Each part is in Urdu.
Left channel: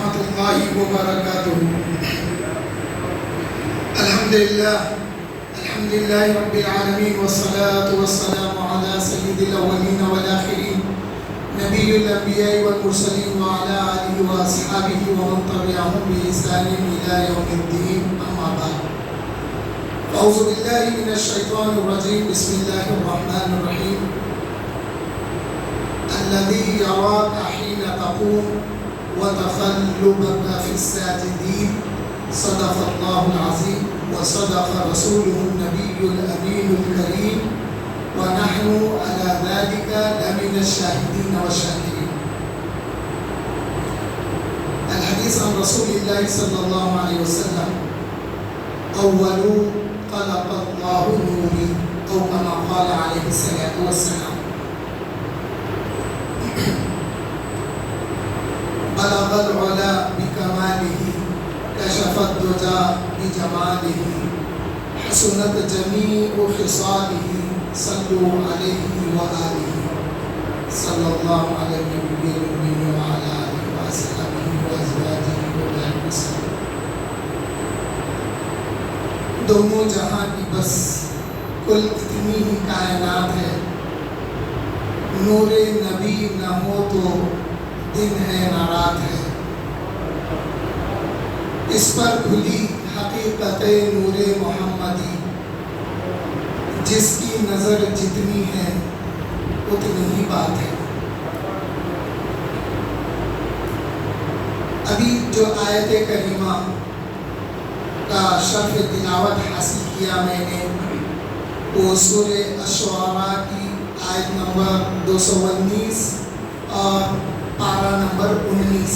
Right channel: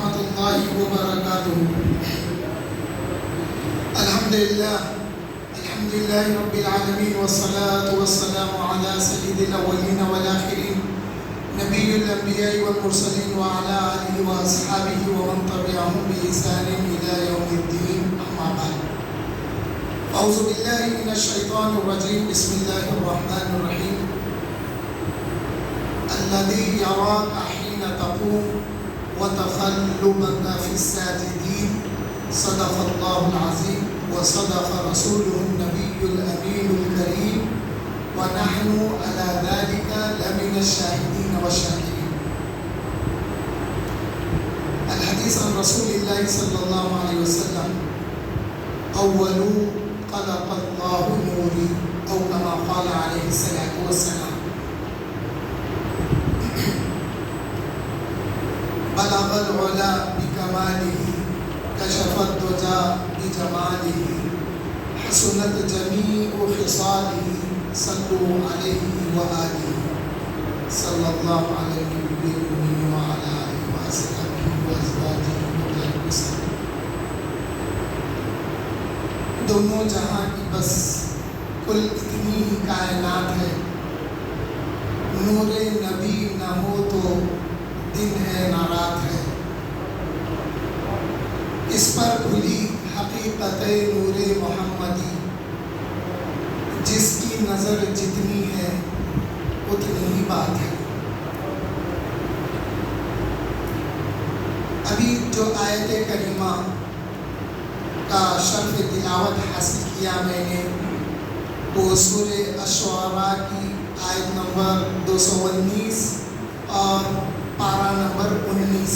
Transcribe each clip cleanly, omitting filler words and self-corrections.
ورحمۃ اللہ وبرکاتہ۔ الحمدللہ رب العالمین والصلاة والسلام علی سید الاولین والآخرین نبی الانبیاء والمرسلین وعلی آلہ واصحابہ ومن تبعہم بإحسان الی یوم الدین، اما بعد۔ اعوذ باللہ من الشیطان الرجیم، بسم اللہ الرحمن الرحیم۔ الذی یراک حین تقوم وتقلبك في الساجدين، صدق الله العظيم وصدق رسوله النبي الأمين الكريم، ونحن على ذلك لمن الشاهدين والشاكرين۔ الحديث عن رسول الله صلى الله عليه وسلم، أول خلق الله نوري، أو كما قال عليه الصلاة والسلام۔ بلغ العلا بکمالہ، کشف الدجا بجمالہ، حسنت جمیع خصالہ، صلوا علیہ وآلہ، صلی اللہ علی النبی الأمی وعلی آلہ وصحبہ وازواجہ وبارک وسلم۔ دونوں جہاں کی بس کل اتنی ہی کائنات ہے، نور نبی نہ ہو تو دن ہے نہ رات ہے، اس پر کھلی حقیقت نور محمدی، جس کی نظر جتنی ہے اتنی ہی بات ہے۔ ابھی جو آیت کریمہ کا شرح تلاوت حاصل کیا میں نے، وہ سورہ الشعراء کی آیت نمبر 219 اور پارہ نمبر 19۔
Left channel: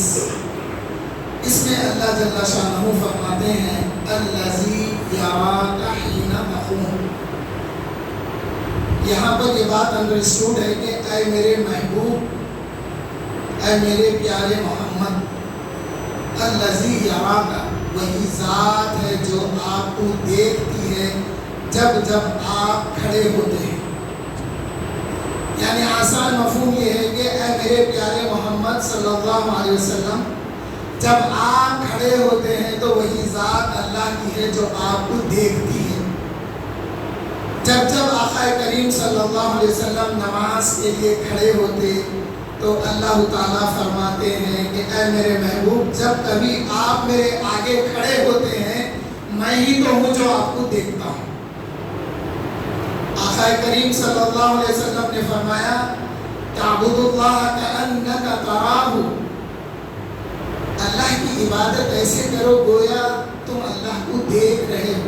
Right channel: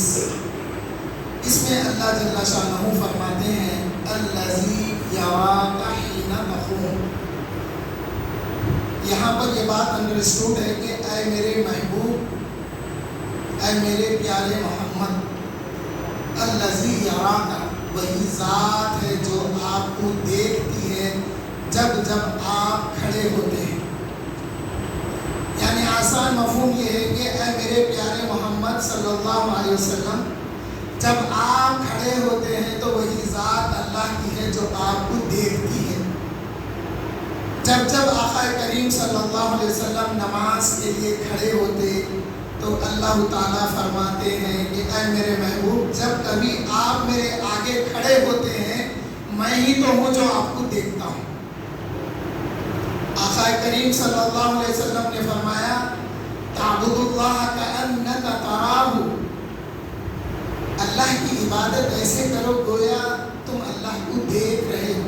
اس میں اللہ جل شانہ فرماتے ہیں الذی یراک حین تقوم۔ یہاں پر یہ بات انڈرسٹوڈ ہے کہ اے میرے محبوب، اے میرے پیارے محمد، الذی یراک، وہی ذات ہے جو آپ کو دیکھتی ہے جب جب آپ کھڑے ہوتے ہیں۔ یعنی آسان مفہوم یہ ہے کہ اے میرے پیارے محمد صلی اللہ علیہ وسلم، جب آپ کھڑے ہوتے ہیں تو وہی ذات اللہ کی ہے جو آپ کو دیکھتی ہے۔ جب جب آقا کریم صلی اللہ علیہ وسلم نماز کے لیے کھڑے ہوتے تو اللہ تعالیٰ فرماتے ہیں کہ اے میرے محبوب، جب کبھی آپ میرے آگے کھڑے ہوتے ہیں، میں ہی تو ہوں جو آپ کو دیکھتا ہوں۔ آقا کریم صلی اللہ علیہ وسلم نے فرمایا تعبد اللہ کأنک تراہ، اللہ کی عبادت ایسے کرو گویا تم اللہ کو دیکھ رہے ہو۔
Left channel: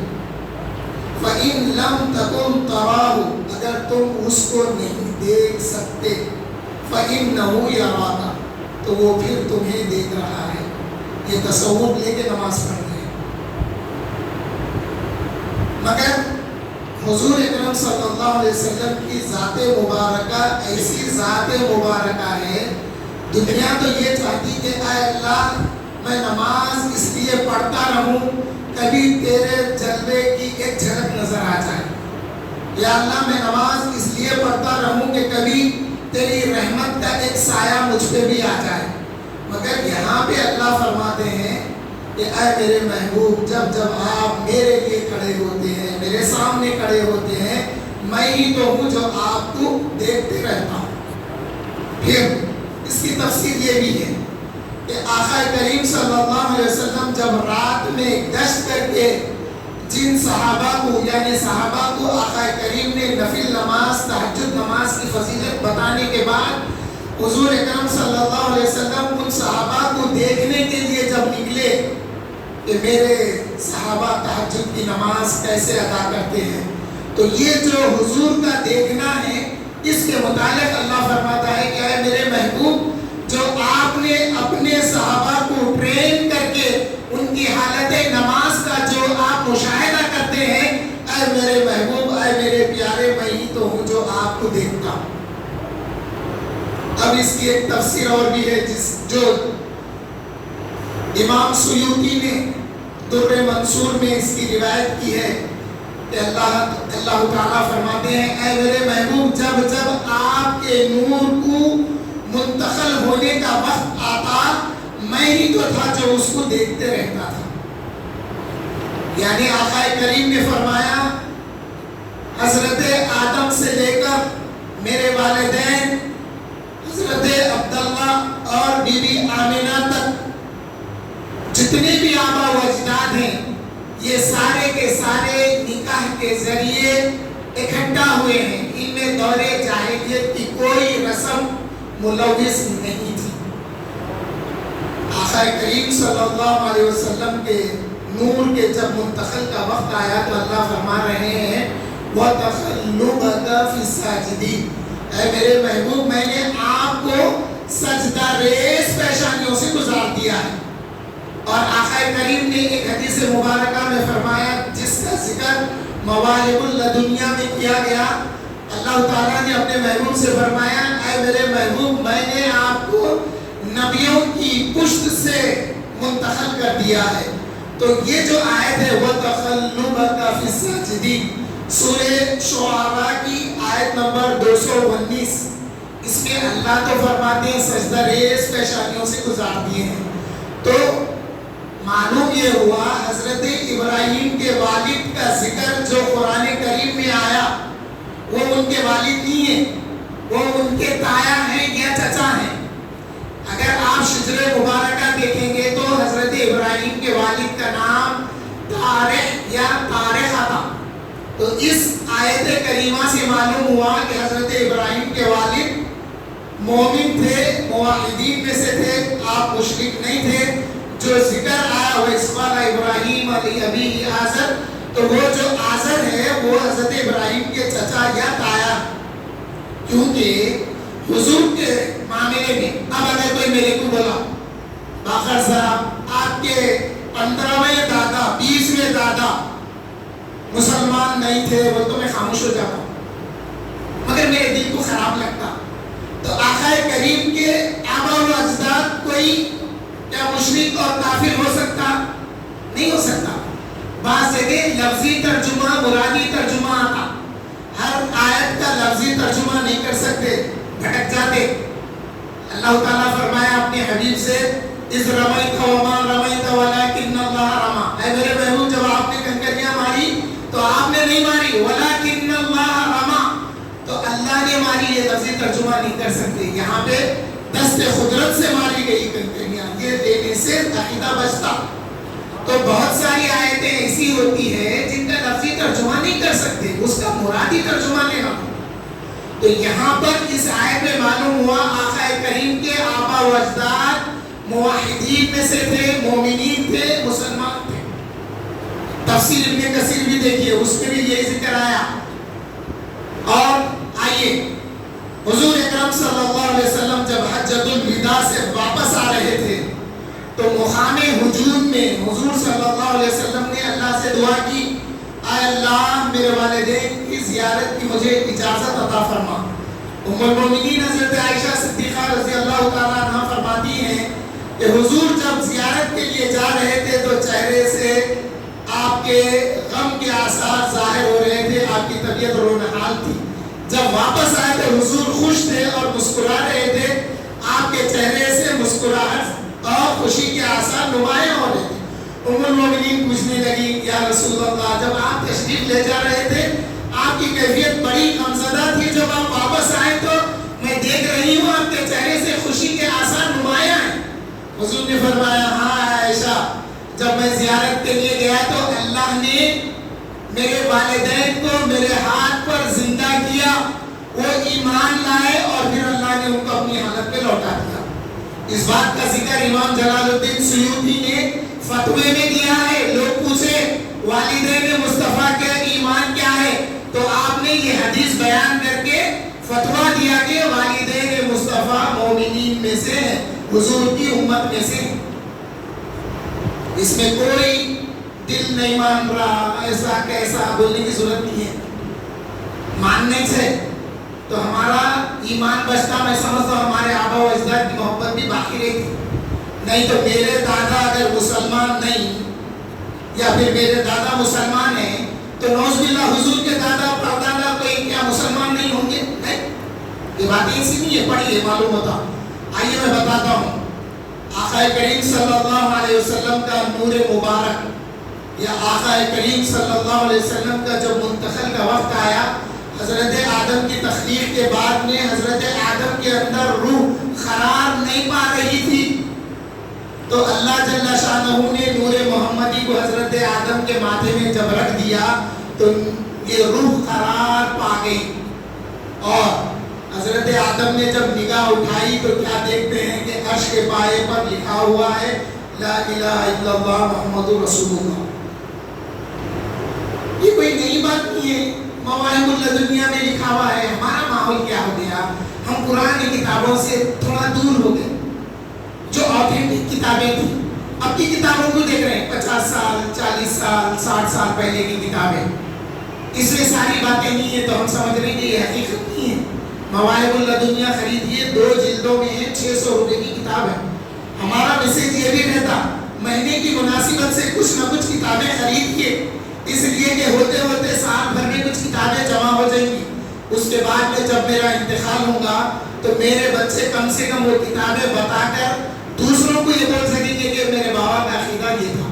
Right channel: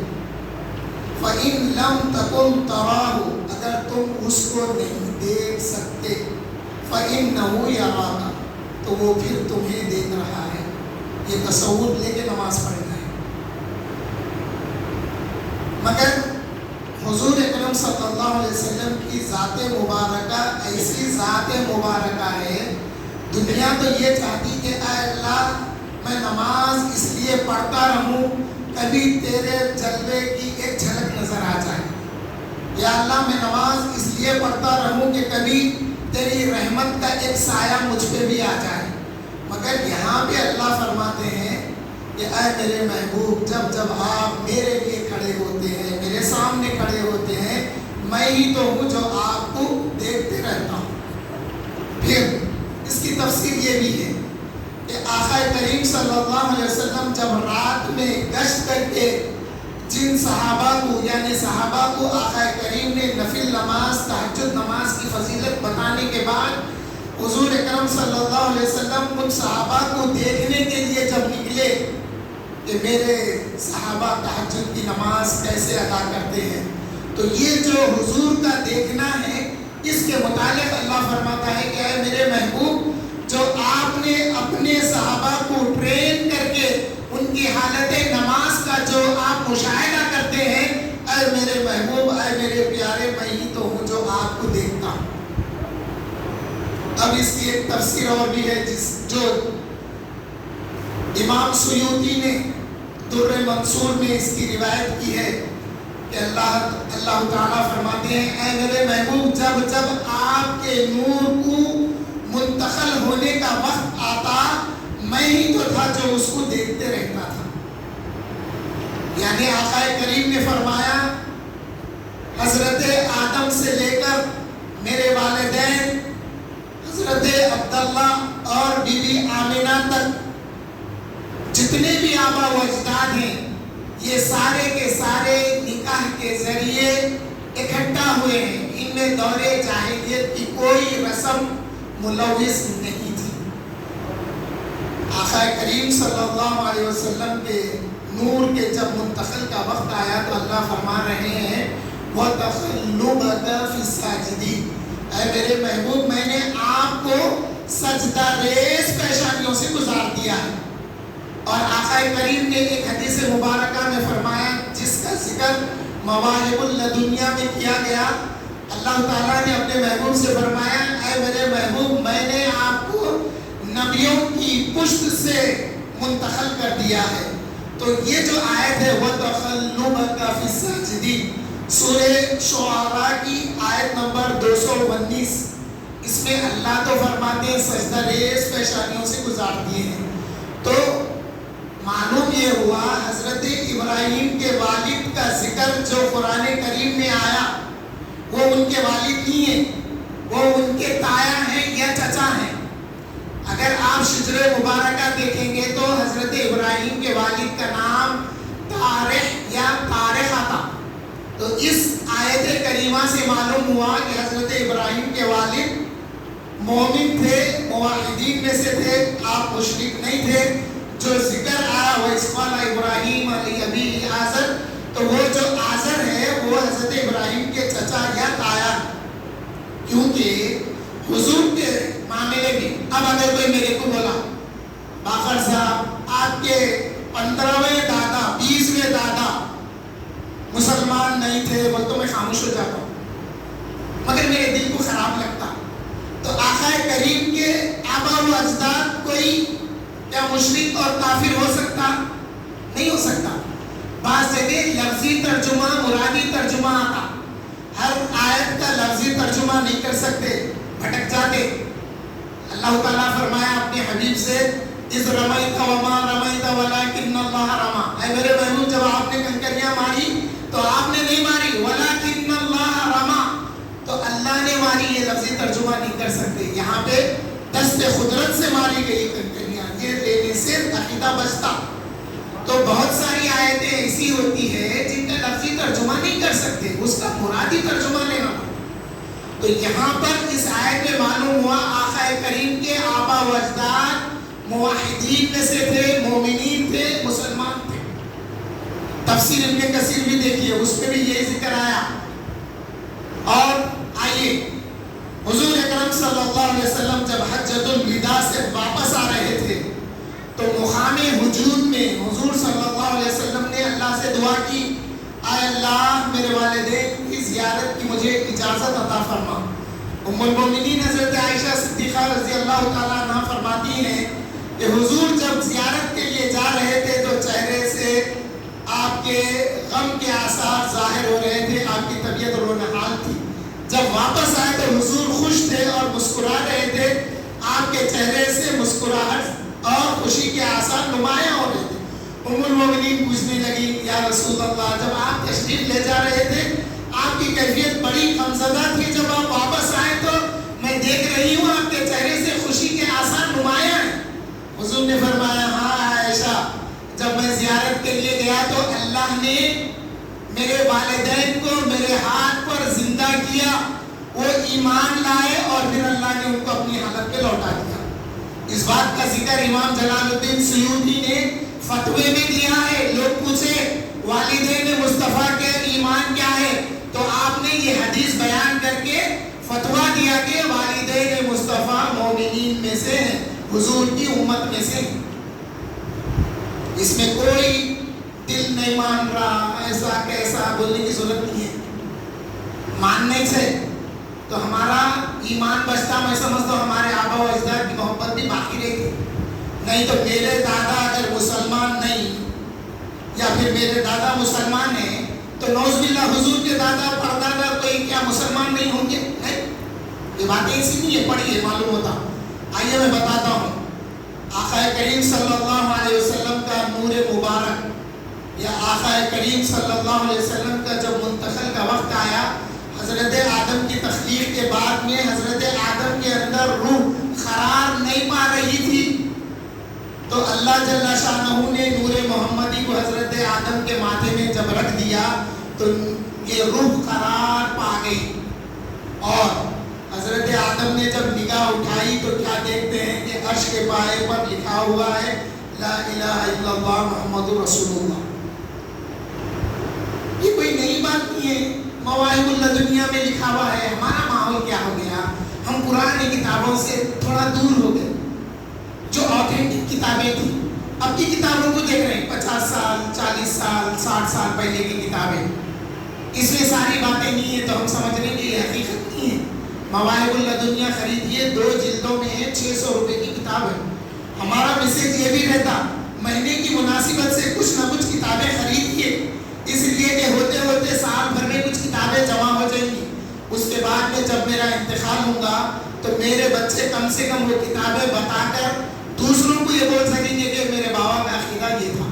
فإن لم تکن تراہ، اگر تم اس کو نہیں دیکھ سکتے، فإنہ یراک، تو وہ پھر تمہیں دیکھ رہا ہے۔ یہ تصور لے کے نماز پڑھنا ہے۔ مگر حضور اکرم صلی اللہ علیہ وسلم کی ذات مبارکہ ایسی ذات مبارکہ ہے، دنیا تو یہ چاہتی کہ اے اللہ میں نماز اس لیے پڑھتا رہوں کبھی تیرے جلوے کی ایک جھلک نظر آ جائے، یا اللہ میں نماز اس لیے پڑھتا رہوں کہ کبھی تیری رحمت کا ایک سایہ مجھ پہ بھی آ جائے۔ مگر یہاں پہ اللہ فرماتے ہیں کہ اے میرے محبوب، جب جب آپ میرے لیے کھڑے ہوتے ہیں، میرے سامنے کھڑے ہوتے ہیں، میں ہی تو ہوں جو آپ کو دیکھتے رہتا ہوں۔ پھر اس کی تفسیر یہ بھی ہے کہ آقا کریم صلی اللہ علیہ وسلم جب رات میں گشت کر کے جن صحابہ کو، یعنی صحابہ کو آقا کریم نے نفل نماز، تہجد نماز کی فضیلت بتانے کے بعد حضور اکرم صلی اللہ علیہ وسلم ان صحابہ کو دیکھنے کے لیے جب نکلے کہ میرے صحابہ تہجد کی نماز کیسے ادا کرتے ہیں، تو یہ جو حضور کا دیکھنا ہے، اس کے متعلق اللہ فرماتا ہے کہ اے میرے محبوب، جو آپ نے اپنے صحابہ کو ٹرین کر کے ان کی حالت نماز کا جو آپ مشاہدہ کرتے ہیں، اے میرے محبوب، اے میرے پیارے، میں ہی تو ہوں جو آپ کو دیکھتا ہوں۔ اب اس کی ایک تفسیر اور بھی ہے جو امام سیوطی نے در منصور میں اس کی روایت کی ہے کہ اللہ تعالیٰ فرماتے ہیں اے میرے محبوب، جب جب آپ کے نور کو منتقل ہونے کا وقت آتا، میں ہی تو تھا جو اس کو دیکھتے رہتا تھا. یعنی آقا کریم نے فرمایا حضرت آدم سے لے کر میرے والدین حضرت عبداللہ اور بی بی آمنہ تک جتنے بھی آبا و اجداد ہیں یہ سارے کے سارے نکاح کے ذریعے اکٹھا ہوئے ہیں. ان میں دور جاہلیت کی کوئی رسم ملوث نہیں تھی. آقا کریم صلی اللہ علیہ وسلم کے نور کے جب منتقل کا وقت آیا تو اللہ فرما رہے ہیں وَتَخَلُّبَكَ فِي السَّاجِدِينَ. اے میرے محبوب میں نے آپ کو سجدہ ریز پیشانیوں سے گزار دیا ہے. اور آقا کریم نے ایک حدیث مبارکہ میں فرمایا جس کا ذکر مواہب اللدنیا میں کیا گیا. اللہ تعالیٰ نے اپنے محبوب سے فرمایا اے میرے محبوب میں نے آپ کو نبیوں کی پشت سے منتقل کر دیا ہے. تو یہ جو آیت ہے وَتَخَلُّبَكَ فِي السَّاجِدِينَ سورہ شعراء کی آیت نمبر 219 اس میں اللہ تو فرماتے ہیں سجدہ ریز پیشانیوں سے گزار دیے ہیں. تو معلوم یہ ہوا حضرت ابراہیم کے والد کا ذکر جو قرآن کریم میں آیا وہ ان کے والد نہیں ہیں, وہ ان کے تایا ہیں یا چچا ہیں. اگر آپ شجر مبارکہ دیکھیں گے تو حضرت ابراہیم کے والد کا نام طارق یا طارقہ تھا. تو اس آیت کریمہ سے معلوم ہوا کہ حضرت ابراہیم کے والد مومن تھے, موحدین میں سے تھے, آپ مشرک نہیں تھے. جو ذکر آیا وہ اسقال ابراہیم علی ابی آزر, تو وہ جو آزر ہے وہ حضرت ابراہیم کے چچا یا تایا, کیونکہ حضور کے معاملے میں اب اگر کوئی میرے کو بولا باقر صاحب آپ کے 15ویں دادا 20ویں دادا مسلمان نہیں تھے وہ تو میں خاموش ہو جاتا ہوں, مگر میرے دل کو خراب لگتا. تو آقا کریم کے آبا و اجداد کوئی کیا مشرک اور کافر ہو سکتا؟ نہیں ہو سکتا. بعض جگہ لفظی ترجمہ مرادی ترجمہ آتا, ہر آیت کا لفظی ترجمہ نہیں کر سکتے, بھٹک جاتے. اللہ تعالیٰ فرمایا اپنے حبیب سے اِذْ رَمَيْتَ وَمَا رَمَيْتَ وَلَكِنَّ اللَّهَ رَمَى. اے میرے محبوب جب آپ نے کنکریاں ماری تو آپ نے نہیں ماری, وَلَكِنَّ اللَّهَ رَمَى, تو اللہ نے ماری. یہ لفظی ترجمہ نہیں کر سکتے. یہاں پہ دست قدرت سے ماری گئی کنکریاں, یہ دینے سے عقیدہ بچتا. تو بہت ساری آیتیں ایسی ہوتی ہے جن کا لفظی ترجمہ نہیں کر سکتے, اس کا مرادی ترجمہ لینا. تو یہاں پر اس آیت میں معلوم ہوا آقا کریم کے آبا و اجداد موحدین میں سے تھے, مومنین تھے, مسلمان تھے. تفسیر ابن کثیر بھی دیکھیے, اس میں بھی یہی ذکر آیا. اور آئیے حضور اکرم صلی اللہ علیہ وسلم جب حجۃ الوداع سے واپس آ رہے تھے تو مقام ہجوم میں حضور صلی اللہ علیہ وسلم نے اللہ سے دعا کی اے اللہ میرے والدین کی زیارت کی مجھے اجازت عطا فرما. ام المومنین حضرت عائشہ صدیقہ رضی اللہ تعالیٰ عنہ فرماتی ہیں کہ حضور جب زیارت کے لیے جا رہے تھے تو چہرے سے آپ کے غم کے آثار ظاہر ہو رہے تھے, آپ کی طبیعت رونحال تھی. جب واپس آئے تو حضور خوش تھے اور مسکرا رہے تھے, آپ کے چہرے سے مسکراہٹ اور خوشی کے آثار نمایاں ہو رہے تھے. ام المومنین پوچھنے لگی یا رسول اللہ جب آپ تشریف لے جا رہے تھے آپ کی کیفیت بڑی غمزدہ تھی, جب آپ واپس آئے تو میں دیکھ رہی ہوں آپ کے چہرے سے خوشی کے آثار نمایاں ہیں. حضور نے فرمایا ہاں عائشہ, جب میں زیارت کے لیے گیا تو اللہ نے میرے والدین کو میرے ہاتھ پر زندہ کیا, وہ ایمان لائے اور پھر اللہ نے ان کو اپنی حالت پہ لوٹا دیا. اس بات کا ذکر امام جلال الدین سیوطی نے فتوے میں دیا ہے. لوگ پوچھے والدین مصطفیٰ کے ایمان کیا ہے, تو آپ نے یہ حدیث بیان کر کے فتویٰ دیا کہ والدین مصطفیٰ مومنین میں سے ہیں, حضور کی امت میں سے ہیں. اس میں کوئی دل نہیں مان رہا ایسا کیسا بولنے کی ضرورت نہیں ہے. ماننے سے تو ہمارا ایمان بچتا. میں سمجھتا ہوں ہمارے آبا و اجداد کی محبت بھی باقی رہتی. نہیں تو میرے دادا اگر مسلمان نہیں یا پھر میرے دادا مسلمان ہیں تو نعوذ باللہ حضور کے دادا پردادا کوئی کیا مسلمان نہیں ہوں گے؟ نہیں, یہ باتیں ایسی نہیں ہے, پڑھیے معلوم ہوتا. آئیے میں بتاتا ہوں. آقا کریم صلی اللہ علیہ وسلم کا نور مبارک یا آقا کریم صلی اللہ علیہ وسلم کا جب منتقل کا وقت آیا، حضرت آدم کی تخلیق کے بعد میں حضرت آدم کے اندر روح قرار نہیں پا رہی تھی، تو اللہ جل شانہ نے نور محمدی کو حضرت آدم کے ماتھے میں جب رکھ دیا تو یہ روح قرار پا گئی، اور حضرت آدم نے جب نگاہ اٹھائی تو کیا دیکھتے ہیں کہ عرش کے پائے پر لکھا ہوا ہے لا الہ الا اللہ محمد رسول اللہ۔ یہ کوئی نئی بات نہیں ہے، مواہب الدنیا میں لکھا ہوا ہے۔ ہمارا ماحول کیا ہو گیا، ہم قرآن کی کتابوں سے تھوڑا دور ہو گئے، جو آتھینٹک کتابیں تھیں اب کی کتابوں کو دیکھ رہے ہیں، 50 سال 40 سال 60 سال پہلے کی کتابیں، اس میں ساری باتیں نہیں ہیں تو ہم سمجھ رہے ہیں کہ یہ حقیقت نہیں ہے۔ مواہب الدنیا خریدیے، 2 جلدوں میں ہے، 600 روپے کی کتاب ہے۔ ہمارا میسیج یہ بھی رہتا مہینے کی مناسبت سے کچھ نہ کچھ کتابیں خریدیے، اس لیے کہ ہوتے ہوتے سال بھر میں کچھ کتابیں جمع ہو جائیں گی، اس کے بعد میں جب میرا انتقال ہوگا تو میرے بچے کم سے کم وہ کتابیں بتا کر دوسروں کو یہ بول سکیں گے کہ میرے بابا کا عقیدہ یہ تھا۔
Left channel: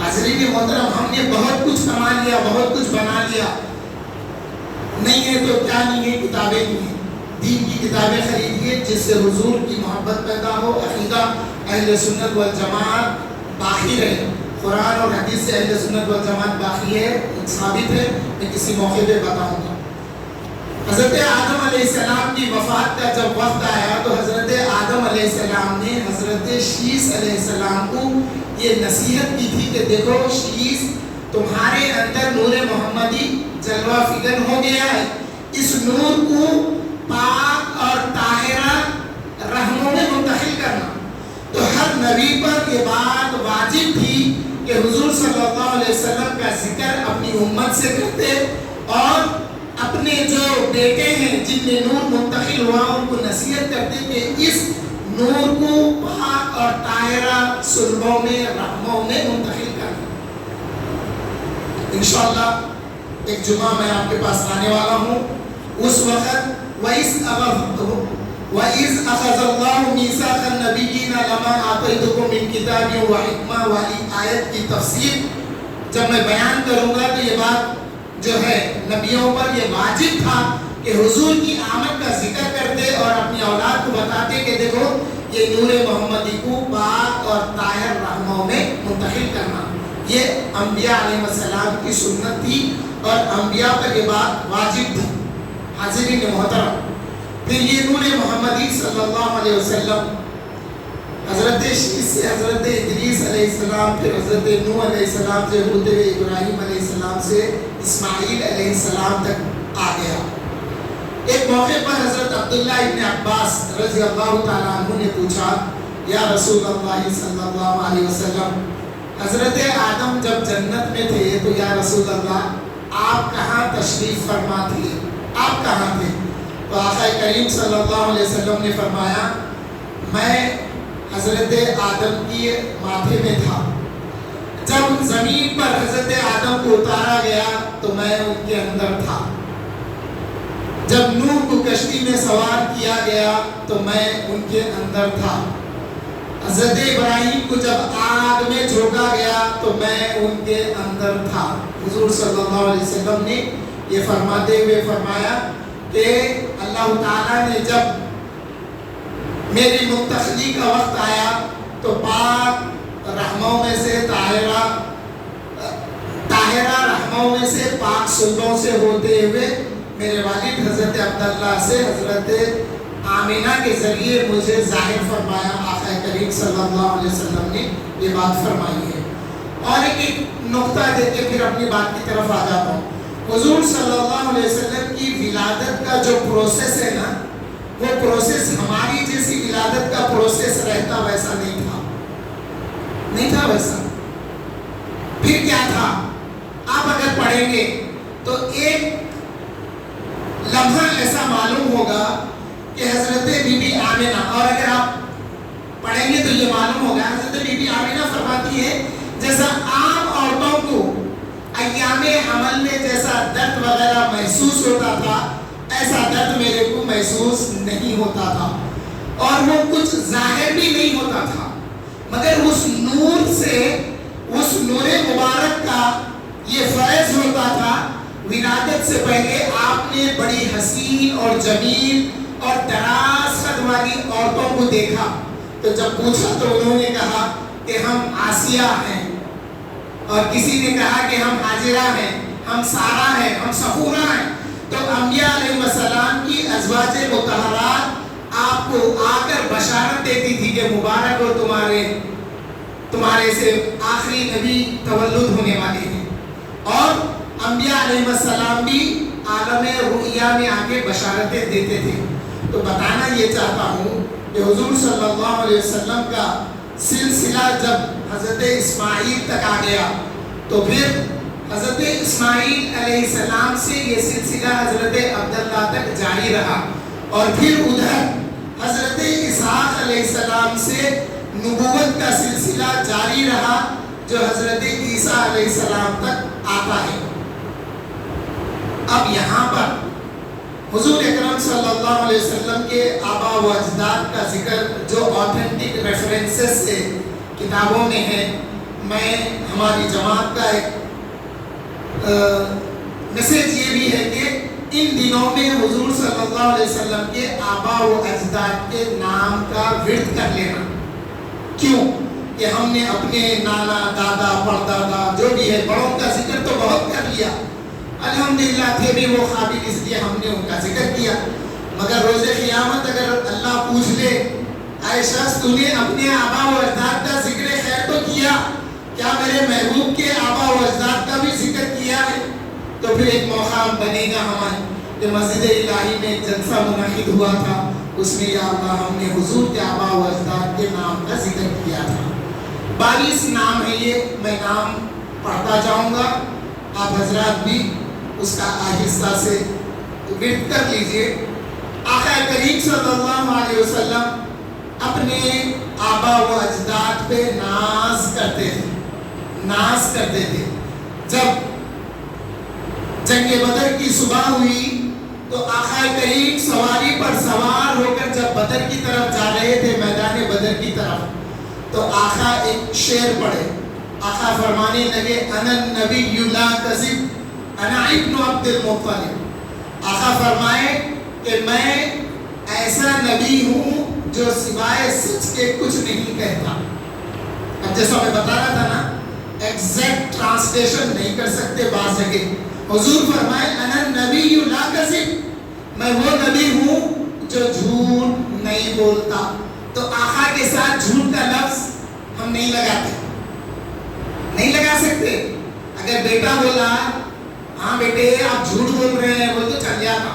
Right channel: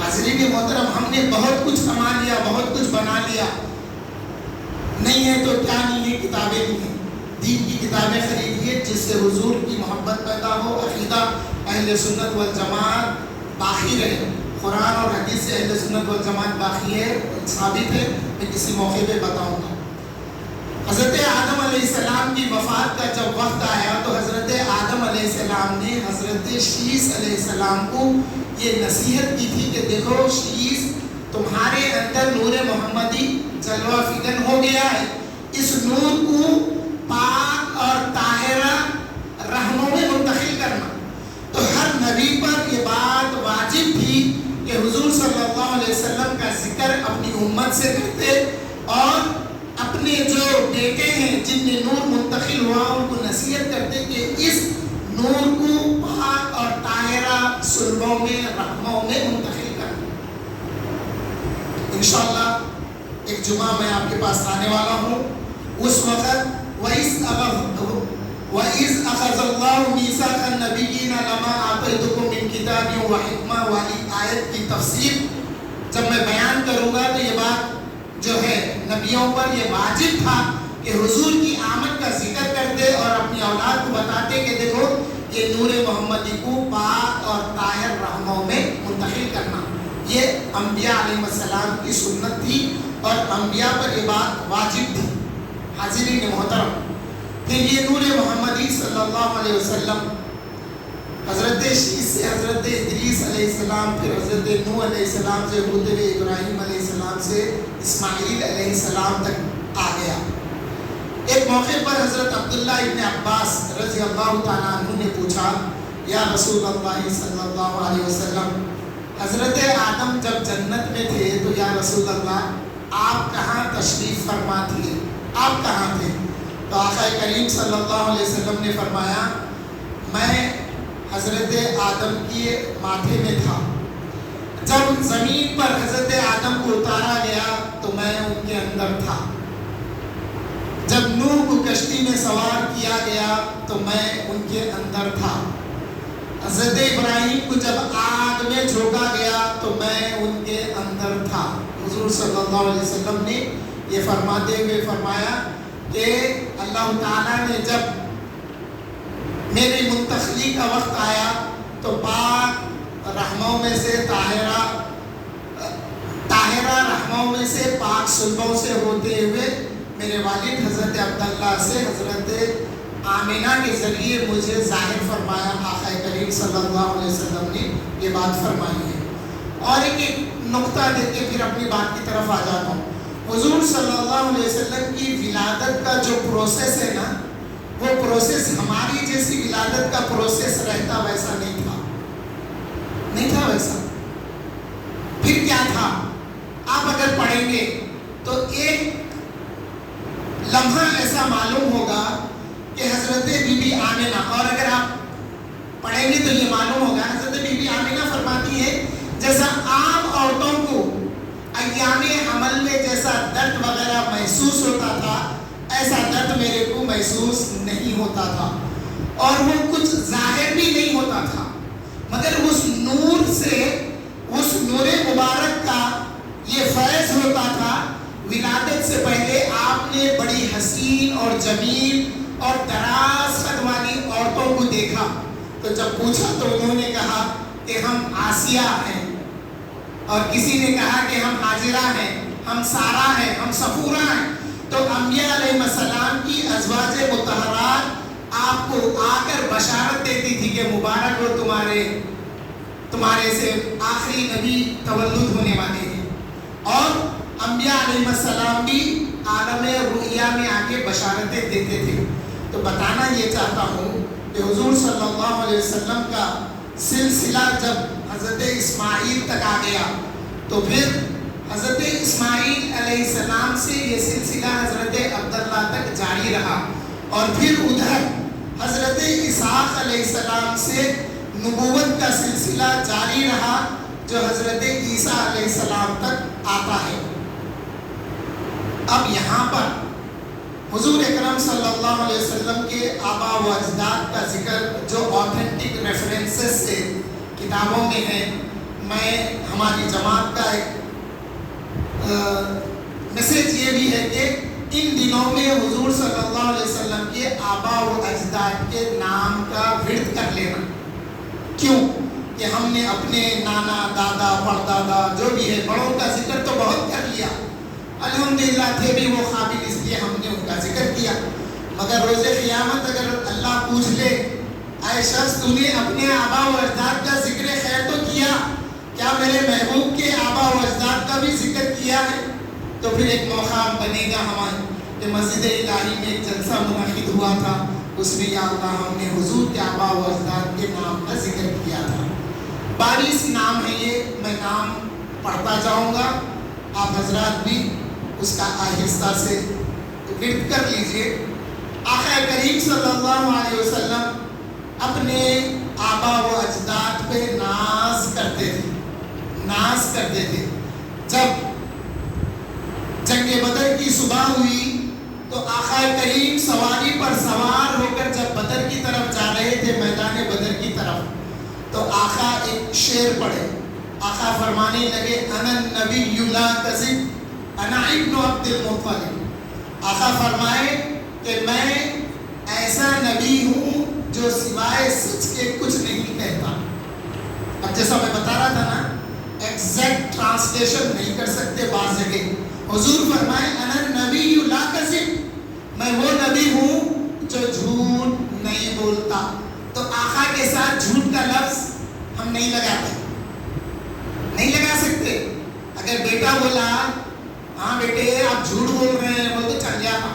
حاضرین محترم، ہم نے بہت کچھ کما لیا، بہت کچھ بنا لیا، نہیں ہے تو کیا نہیں ہے، کتابیں نہیں ہیں۔ دین کی کتابیں خریدیے جس سے حضور کی محبت پیدا ہو، عقیدہ اہل سنت والجماعت باقی رہے۔ قرآن اور حدیث سے اہل سنت والجماعت باقی ہے، ثابت ہے، میں کسی موقع پہ بتاؤں گا۔ حضرت آدم علیہ السلام کی وفات کا جب وقت آیا تو حضرت آدم علیہ السلام نے حضرت شیس علیہ السلام کو یہ نصیحت کی تھی کہ دیکھو شیس، تمہارے اندر نور محمدی جلوہ فکن ہو گیا ہے، اس نور کو پاک اور طاہرہ رحموں میں منتقل کرنا۔ تو ہر نبی پر یہ بات واجب تھی کہ حضور صلی اللہ علیہ وسلم کا ذکر اپنی امت سے کرتے، اور اپنے جو بیٹے ہیں جن میں نور منتقل ہوا ان کو نصیحت کرتے کہ اس نور کو پاک اور طاہرہ صلبوں میں رحموں میں منتقل کرنا۔ انشاءاللہ ایک جمعہ میں آپ کے پاس آنے والا ہوں، اس وقت وَإِذْ أَخَذَ اللَّهُ مِيثَاقَ النَّبِيِّينَ لَمَا آتَيْتُكُم مِّن كِتَابٍ وَحِکْمَةٍ والی آیت کی تفسیر جب میں بیان کروں گا تو یہ بات جو ہے نبیوں پر یہ واجب تھا کہ حضور کی آمد کا ذکر کرتے اور اپنی اولاد کو بتاتے کہ دیکھو یہ نور محمدی کو پاک اور طاہر رحموں میں منتقل کرنا۔ یہ انبیاء علیہ السلام کی سنت تھی اور انبیاء پر یہ بات واجب تھی۔ حاضرین محترم، پھر یہ نور محمدی صلی اللہ علیہ وسلم حضرت شیس سے حضرت ادریس علیہ السلام، پھر حضرت نوح علیہ السلام سے ہوتے ہوئے ابراہیم علیہ السلام سے اسماعیل علیہ السلام تک آ گیا۔ ایک موقع پر حضرت عبداللہ ابن عباس رضی اللہ تعالیٰ عنہ نے پوچھا، یا رسول اللہ صلی اللہ علیہ وسلم، حضرت آدم جب جنت میں تھے تو یا رسول اللہ آپ کہاں تشریف فرما تھے، آپ کہاں تھے؟ تو آقا کریم صلی اللہ علیہ وسلم نے فرمایا، میں حضرت آدم کی ماتھے میں تھا، جب زمین پر حضرت آدم کو اتارا گیا تو میں ان کے اندر تھا، جب نوح کو کشتی میں سوار کیا گیا تو میں ان کے اندر تھا، حضرت ابراہیم کو جب آگ میں جھونکا گیا تو میں ان کے اندر تھا۔ حضور صلی اللہ علیہ وسلم نے یہ فرماتے ہوئے فرمایا کہ اللہ تعالیٰ نے جب میری منتقلی کا وقت آیا تو پاک رحموں میں سے طاہرہ رحموں میں سے پاک صلبوں سے ہوتے ہوئے میرے والد حضرت عبداللہ سے حضرت آمینہ کے ذریعے مجھے ظاہر فرمایا۔ آقا کریم صلی اللہ علیہ وسلم نے یہ بات فرمائی ہے۔ اور ایک نقطہ دے کے پھر اپنی بات کی طرف آ جاتا ہوں۔ حضور صلی اللہ علیہ وسلم کی ولادت کا جو پروسیس ہے نا، وہ پروسیس ہماری جیسی ولادت کا پروسیس رہتا ویسا نہیں تھا، نہیں تھا ویسا۔ پھر کیا تھا؟ آپ اگر پڑھیں گے تو ایک لمحہ ایسا معلوم ہوگا کہ حضرت بی بی آمینہ، اور اگر آپ پڑھیں گے تو یہ معلوم ہوگا حضرت بی بی آمینہ فرماتی ہے جیسا عام عورتوں کو ایام حمل میں جیسا درد وغیرہ محسوس ہوتا تھا ایسا درد میرے کو محسوس نہیں ہوتا تھا۔ اور وہ کچھ ظاہر بھی نہیں ہوتا تھا، مگر اس نور سے، اس نور مبارک کا یہ فیض ہوتا تھا۔ ولادت سے پہلے آپ نے بڑی حسین اور جمیل اور دراز قد والی عورتوں کو دیکھا، تو جب پوچھا تو انہوں نے کہا کہ ہم آسیہ ہیں، اور کسی نے کہا کہ ہم حاجرہ ہیں، ہم سارہ ہیں، ہم صفورہ ہیں۔ تو انبیاء علیہ السلام کی ازواج مطہرات آپ کو آ کر بشارت دیتی تھی کہ مبارک ہو تمہارے سے آخری نبی تولد ہونے والے ہیں، اور انبیاء علیہ السلام بھی عالم رؤیا میں آگے بشارتیں دیتے تھے۔ تو بتانا یہ چاہتا ہوں کہ حضور صلی اللہ علیہ وسلم کا سلسلہ جب حضرت اسماعیل تک آ گیا، تو پھر حضرت اسماعیل علیہ السلام سے یہ سلسلہ حضرت عبداللہ تک جاری رہا، اور پھر ادھر حضرت اسحاق علیہ السلام سے نبوت کا سلسلہ جاری رہا، جو حضرت عیسیٰ علیہ السلام تک آتا ہے۔ اب یہاں پر حضور اکرم صلی اللہ علیہ وسلم کے آبا و اجداد کا ذکر جو آتھینٹک ریفرنسز سے کتابوں میں ہے، میں ہماری جماعت کا ایک میسیج یہ بھی ہے کہ ان دنوں میں حضور صلی اللہ علیہ وسلم کے آبا و اجداد کے نام کا ورد کر لینا۔ کیوں کہ ہم نے اپنے نانا، دادا، پردادا جو بھی ہے بڑوں کا ذکر تو بہت کر لیا، الحمدللہ تھے بھی وہ قابل، اس لیے ہم نے ان کا ذکر کیا، مگر روز قیامت اگر اللہ پوچھ لے اے شخص تو نے اپنے آبا و اجداد کا ذکر خیر تو کیا، کیا میرے محبوب کے آبا و اجداد کا بھی ذکر کیا ہے؟ تو پھر ایک موقع بنے گا ہمارے کہ مسجد الہی میں ایک جلسہ منعقد ہوا تھا، اس میں یا اللہ ہم نے حضور کے آبا و اجداد کے نام کا ذکر کیا تھا۔ 22 نام ہے یہ، میں نام پڑھتا جاؤں گا، آپ حضرات بھی اس کا آہستہ سے ورد کر لیجئے۔ آقا کریم صلی اللہ علیہ وسلم اپنے آبا و اجداد پہ ناز کرتے تھے۔ جب جنگ بدر کی صبح ہوئی تو آقا کریم سواری پر سوار ہو کر جب بدر کی طرف جا رہے تھے، میدان بدر کی طرف، تو آقا ایک شعر پڑھے۔ آقا فرمانے لگے انا النبی لا کذب انا ابن عبد المطلب۔ آقا فرمائے کہ میں ایسا نبی ہوں جو سوائے سچ کے کچھ نہیں کہتا۔ اب جیسا میں بتا رہا تھا نا، ایگزیکٹ ٹرانسلیشن نہیں کر سکتے بعض جگہ۔ حضور فرمائے انا النبی لا کذب، میں وہ نبی ہوں جو جھوٹ نہیں بولتا۔ تو آقا کے ساتھ جھوٹ کا لفظ ہم نہیں لگا سکتے۔ اگر بیٹا بولا ہاں بیٹے آپ جھوٹ بول رہے ہیں، بول تو چل جاتا۔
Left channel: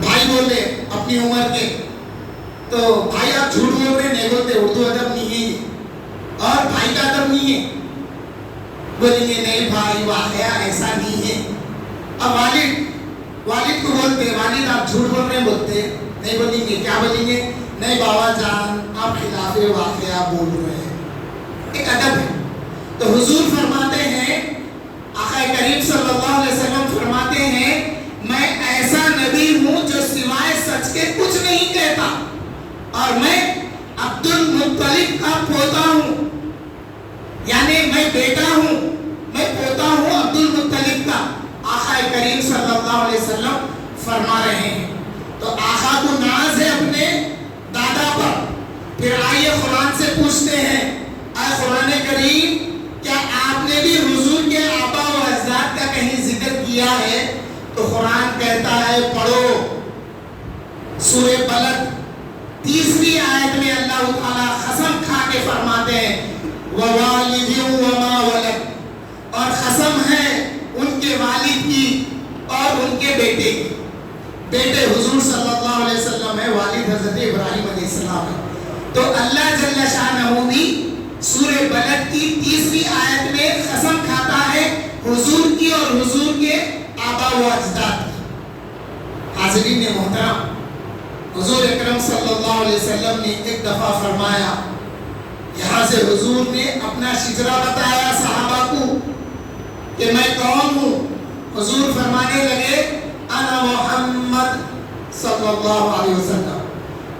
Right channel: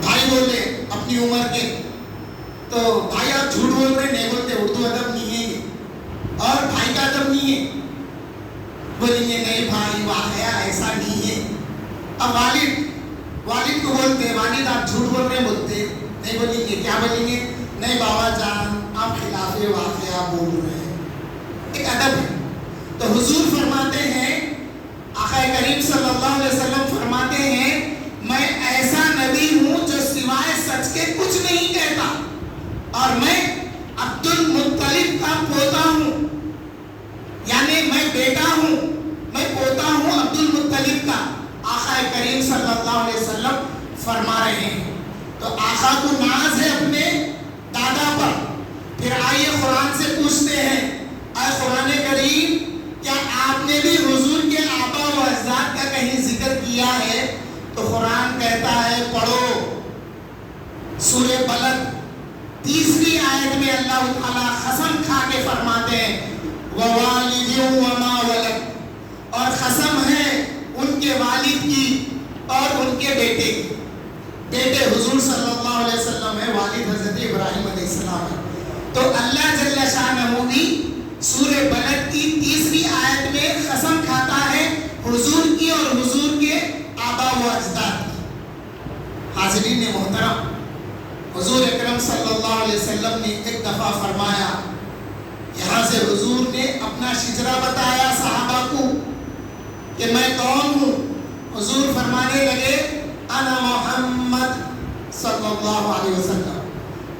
بھائی بولے اپنی عمر کے تو بھائی آپ جھوٹ بول رہے ہیں، نہیں بولتے، اردو ادب نہیں ہے اور بھائی کا ادب نہیں ہے، بولیں گے نہیں بھائی واقعہ ایسا نہیں ہے۔ اب والد کو بولتے والد آپ جھوٹ بول رہے ہیں، بولتے نہیں، بولیں گے کیا بولیں گے، نہیں بابا جان آپ خلاف واقعہ بول رہے ہیں۔ ایک ادب ہے۔ تو حضور فرماتے ہیں، آقا کریم صلی اللہ علیہ وسلم فرماتے ہیں میں ایسا نبی ہوں جو سوائے سچ کے کچھ نہیں کہتا، اور میں عبد المطلب کا پوتا ہوں، یعنی میں بیٹا ہوں، میں پوتا ہوں عبد المطلب کا۔ آقا کریم صلی اللہ علیہ وسلم فرما رہے ہیں۔ تو آقا کو ناز ہے اپنے دادا پر۔ پھر آئیے قرآن سے پوچھتے ہیں، اے قرآن کریم کیا آپ نے بھی حضور کے آبا و اجداد کا کہیں ذکر کیا ہے؟ تو قرآن کہتا ہے پڑھو سورہ بلد 3 آیت میں اللہ تعالیٰ قسم کھا کے فرماتے ہیں وَوَالِدٍ وَمَا وَلَدَ، اور قسم ہے ان کے والد کی اور ان کے بیٹے کی۔ بیٹے حضور صلی اللہ علیہ وسلم ہے، والد حضرت ابراہیم علیہ السلام ہے۔ تو اللہ جل شانہ بھی سورہ بلد کی 3 آیت میں قسم کھاتا ہے حضور کی اور حضور کے آبا و اجداد کی۔ حاضرین محترم، حضور اکرم صلی اللہ علیہ وسلم نے ایک دفعہ فرمایا، یہاں سے حضور نے اپنا شجرہ بتایا صحابہ کو کہ میں کون ہوں۔ حضور فرمانے لگے انا محمد صلی اللہ علیہ وسلم،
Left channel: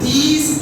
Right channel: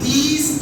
30